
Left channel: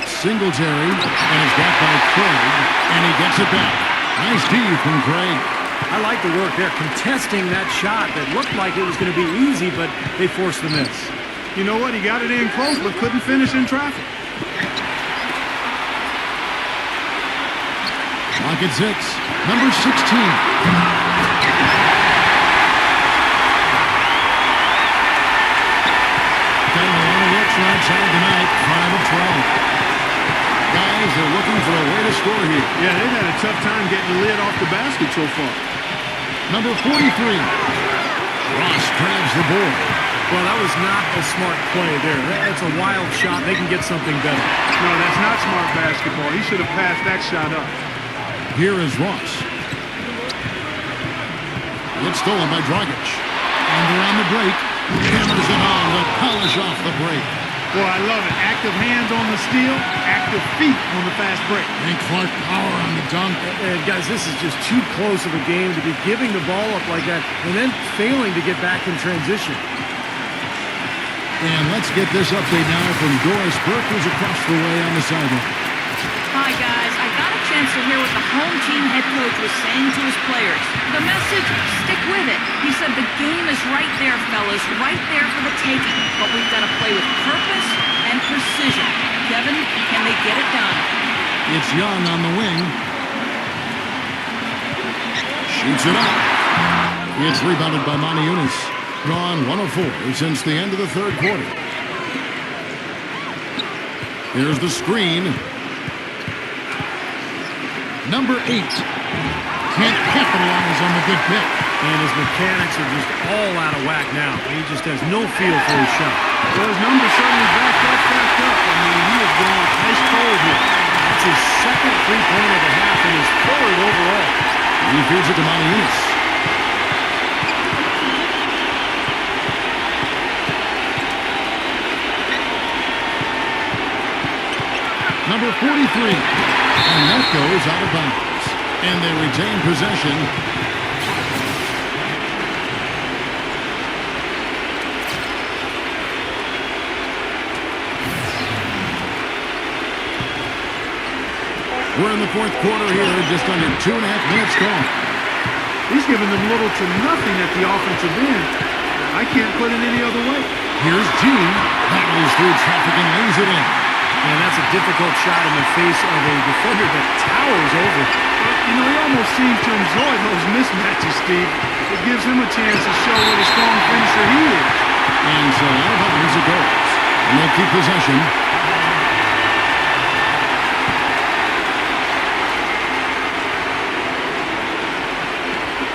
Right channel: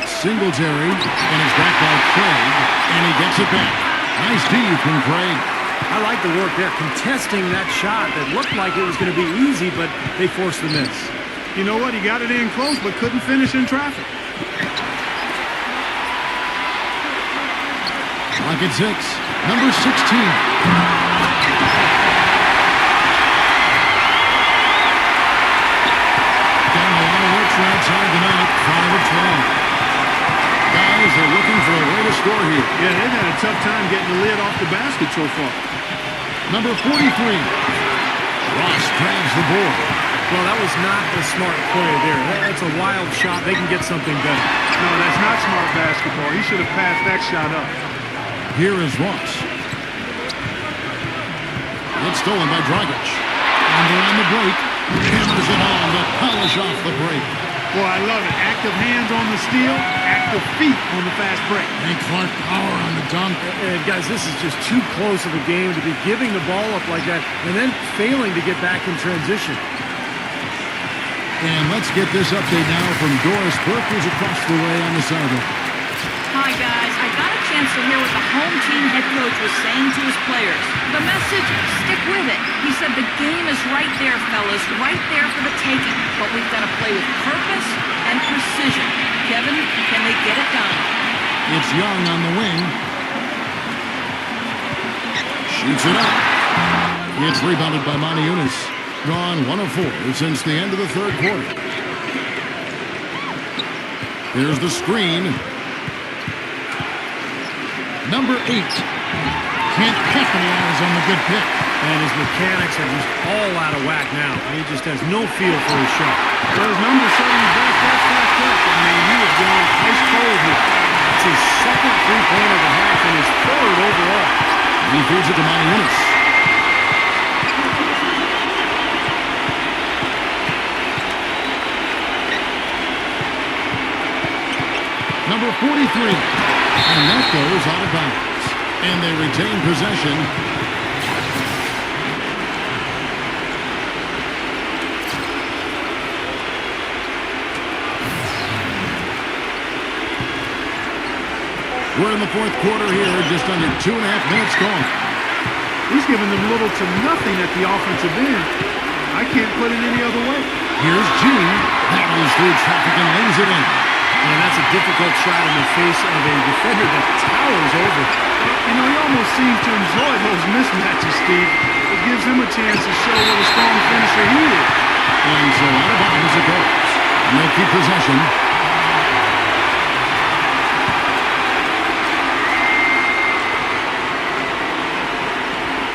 Singletary, and it's got by Craig, and he gets it back. Nice D from Craig. I like the work there, contesting that shot that looked like it was going to be easy, but they forced the miss. You know what? He got it in close, but couldn't finish in traffic. Clock at 6. Number 16. right side tonight, 5 of 12. Guys, they're looking for a way to score here. Yeah, they've had a tough time getting the lid off the basket so far. Number 43. Ross grabs the board. Well, that was not a smart play there. That's a wild shot. They can get something better. No, that's not smart basketball. He should have passed that shot up. Here is Ross. It's stolen by Dragic. And around the break, hammers it on to polish off the break. Boy, I love it. Active hands on the steal, active feet on the fast break. And Clark power on the dunk. And guys, this is just too close of a game to be giving the ball up like that and then failing to get back in transition. And let's get this update now from Doris Burke, who's across the way on the sideline. Hi, guys. I got a chance to hear what the home team head coach was saying to his players. The message, stick with it. He said the game is right there, fellas, right there for the taking. But we've got to play with purpose and precision. Kevin, can they get it done? It's Young on the wing. Shoots it up. It's rebounded by Monty Eunice. Gone 1 of 4 since the end of the third quarter. Here's the screen. Number 8 can't capitalize on the good pick. And his mechanics are just all out of whack now. He just has no feel for his shot. Well, his numbers certainly back that fact up. I mean, he was going ice cold here. That's his second three-pointer of the half and his third overall. He feeds it to Monty Eunice. Number 43. And that goes out of bounds. And they retain possession. We're in the fourth quarter here, just under 2.5 minutes gone. He's giving them little to nothing at the offensive end. I can't put it any other way. Here's G. Battles through traffic and lays it in. And that's a difficult shot in the face of a defender that towers over. You know, he almost seems to enjoy those mismatches, Steve. It gives him a chance to show what a strong finisher he is. And so out of bounds it goes. And they'll keep possession.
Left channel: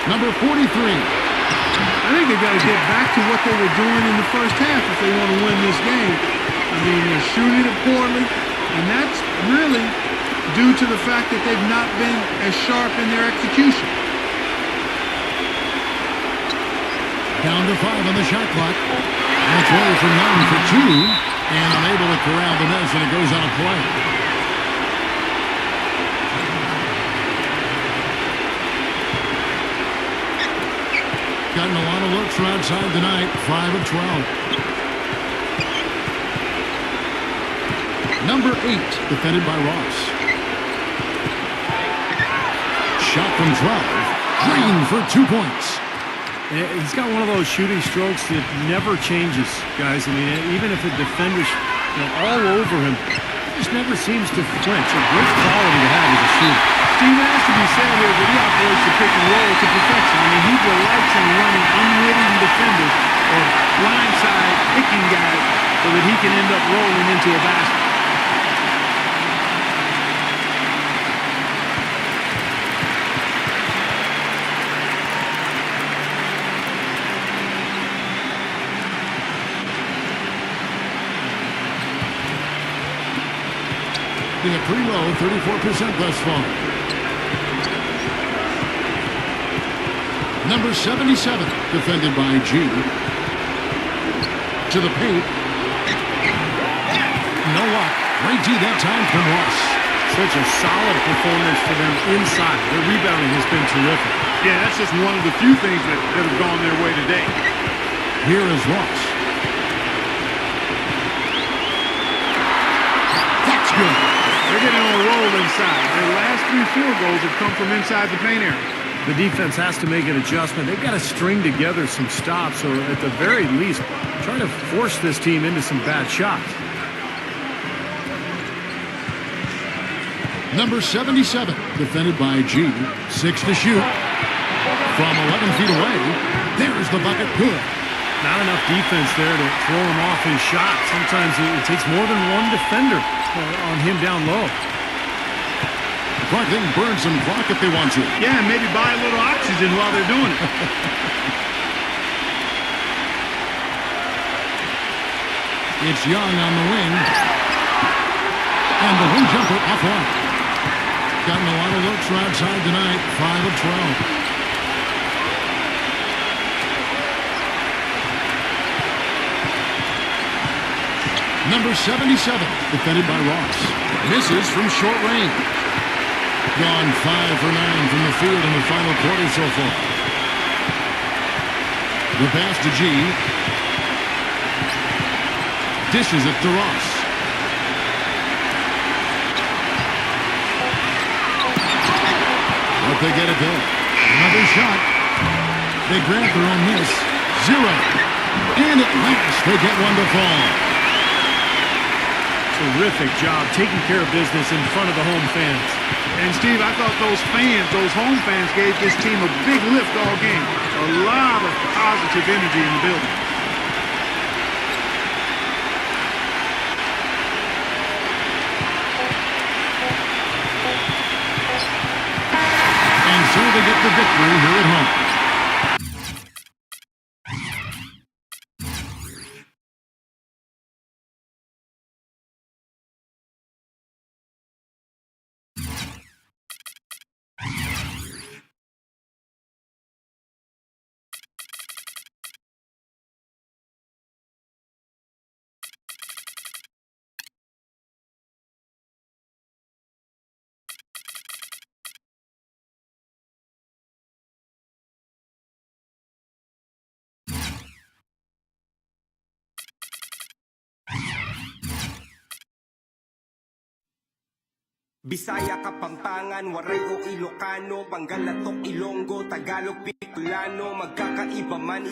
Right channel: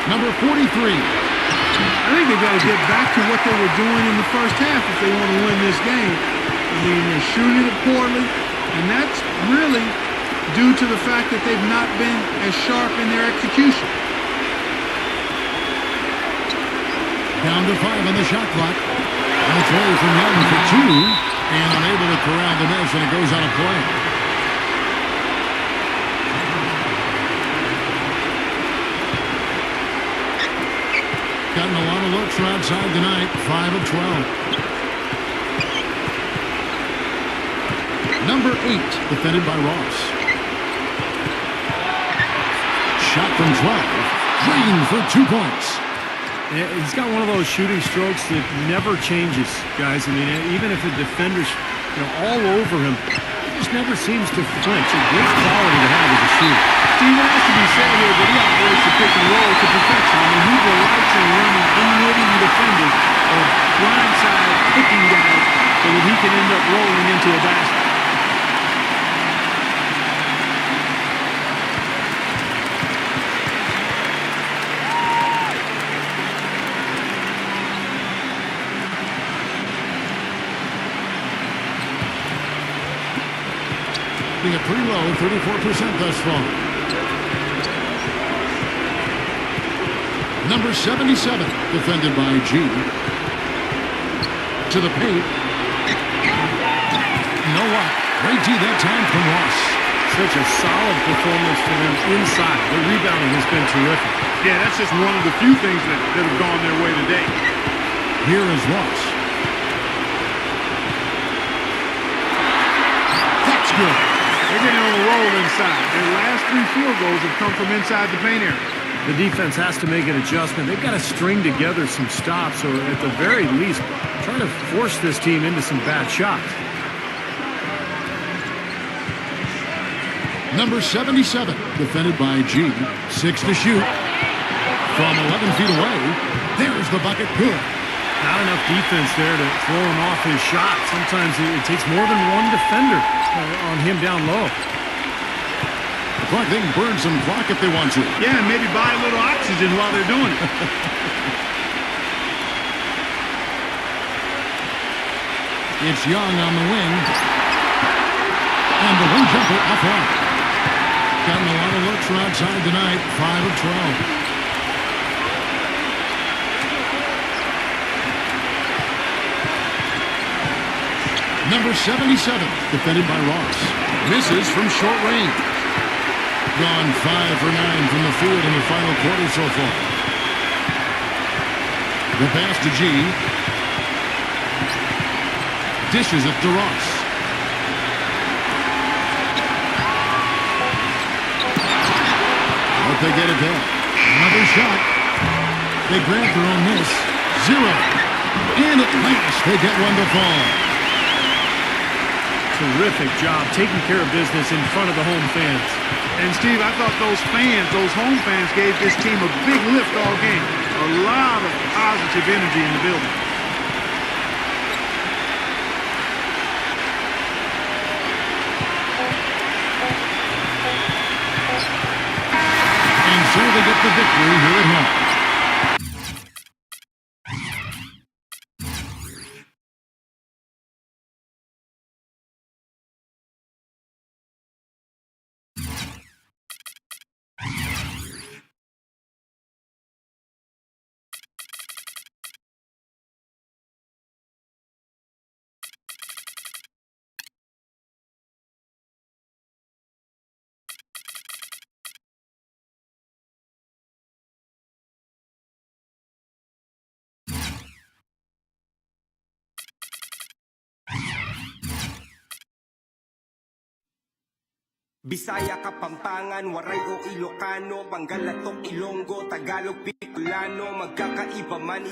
Number 43. I think they've got to get back to what they were doing in the first half if they want to win this game. I mean, they're shooting it poorly, and that's really due to the fact that they've not been as sharp in their execution. Down to 5 on the shot clock. On its way from Young for 2. And unable to corral the miss, and it goes out of play. Gotten a lot of looks from outside tonight. 5 of 12. Number 8, defended by Ross. Shot from 12. Green for 2 points. He's got one of those shooting strokes that never changes, guys. I mean, even if a defender's all over him, he just never seems to flinch. A great quality to have as a shooter. Steve, it has to be said here that he operates the pick and roll to perfection. I mean, he delights in running unwitting defenders or blindside picking guys so that he can end up rolling into a basket. Being a pretty low, 34% thus far. Number 77, defended by G. To the paint. No luck. Great D that time from Ross. Such a solid performance for them inside. Their rebounding has been terrific. Yeah, that's just one of the few things that have gone their way today. Here is Ross. That's good. They're getting on a roll inside. Their last 3 field goals have come from inside the paint area. The defense has to make an adjustment. They've got to string together some stops, or at the very least, try to force this team into some bad shots. Number 77, defended by G. 6 to shoot. From 11 feet away, there's the bucket. Good. Not enough defense there to throw him off his shot. Sometimes it takes more than one defender on him down low. Clark, they can burn some clock if they want to. Yeah, and maybe buy a little oxygen while they're doing it. It's Young on the wing. And the wing jumper up off. Gotten a lot of looks from outside tonight. 5 of 12. Number 77, defended by Ross. Misses from short range. Gone 5 for 9 from the field in the final quarter so far. The pass to G. Dishes it to Ross. But they get it there. Another shot. They grab their own miss. 0. And at last, they get one to fall. Terrific job taking care of business in front of the home fans. And, Steve, I thought those fans, those home fans, gave this team a big lift all game. A lot of positive energy in the building. And so they get the victory here at home. Bisaya, Kapampangan, Waray o Ilocano, Pangalatok, Ilonggo, Tagalog, Bicolano, magkakaiba man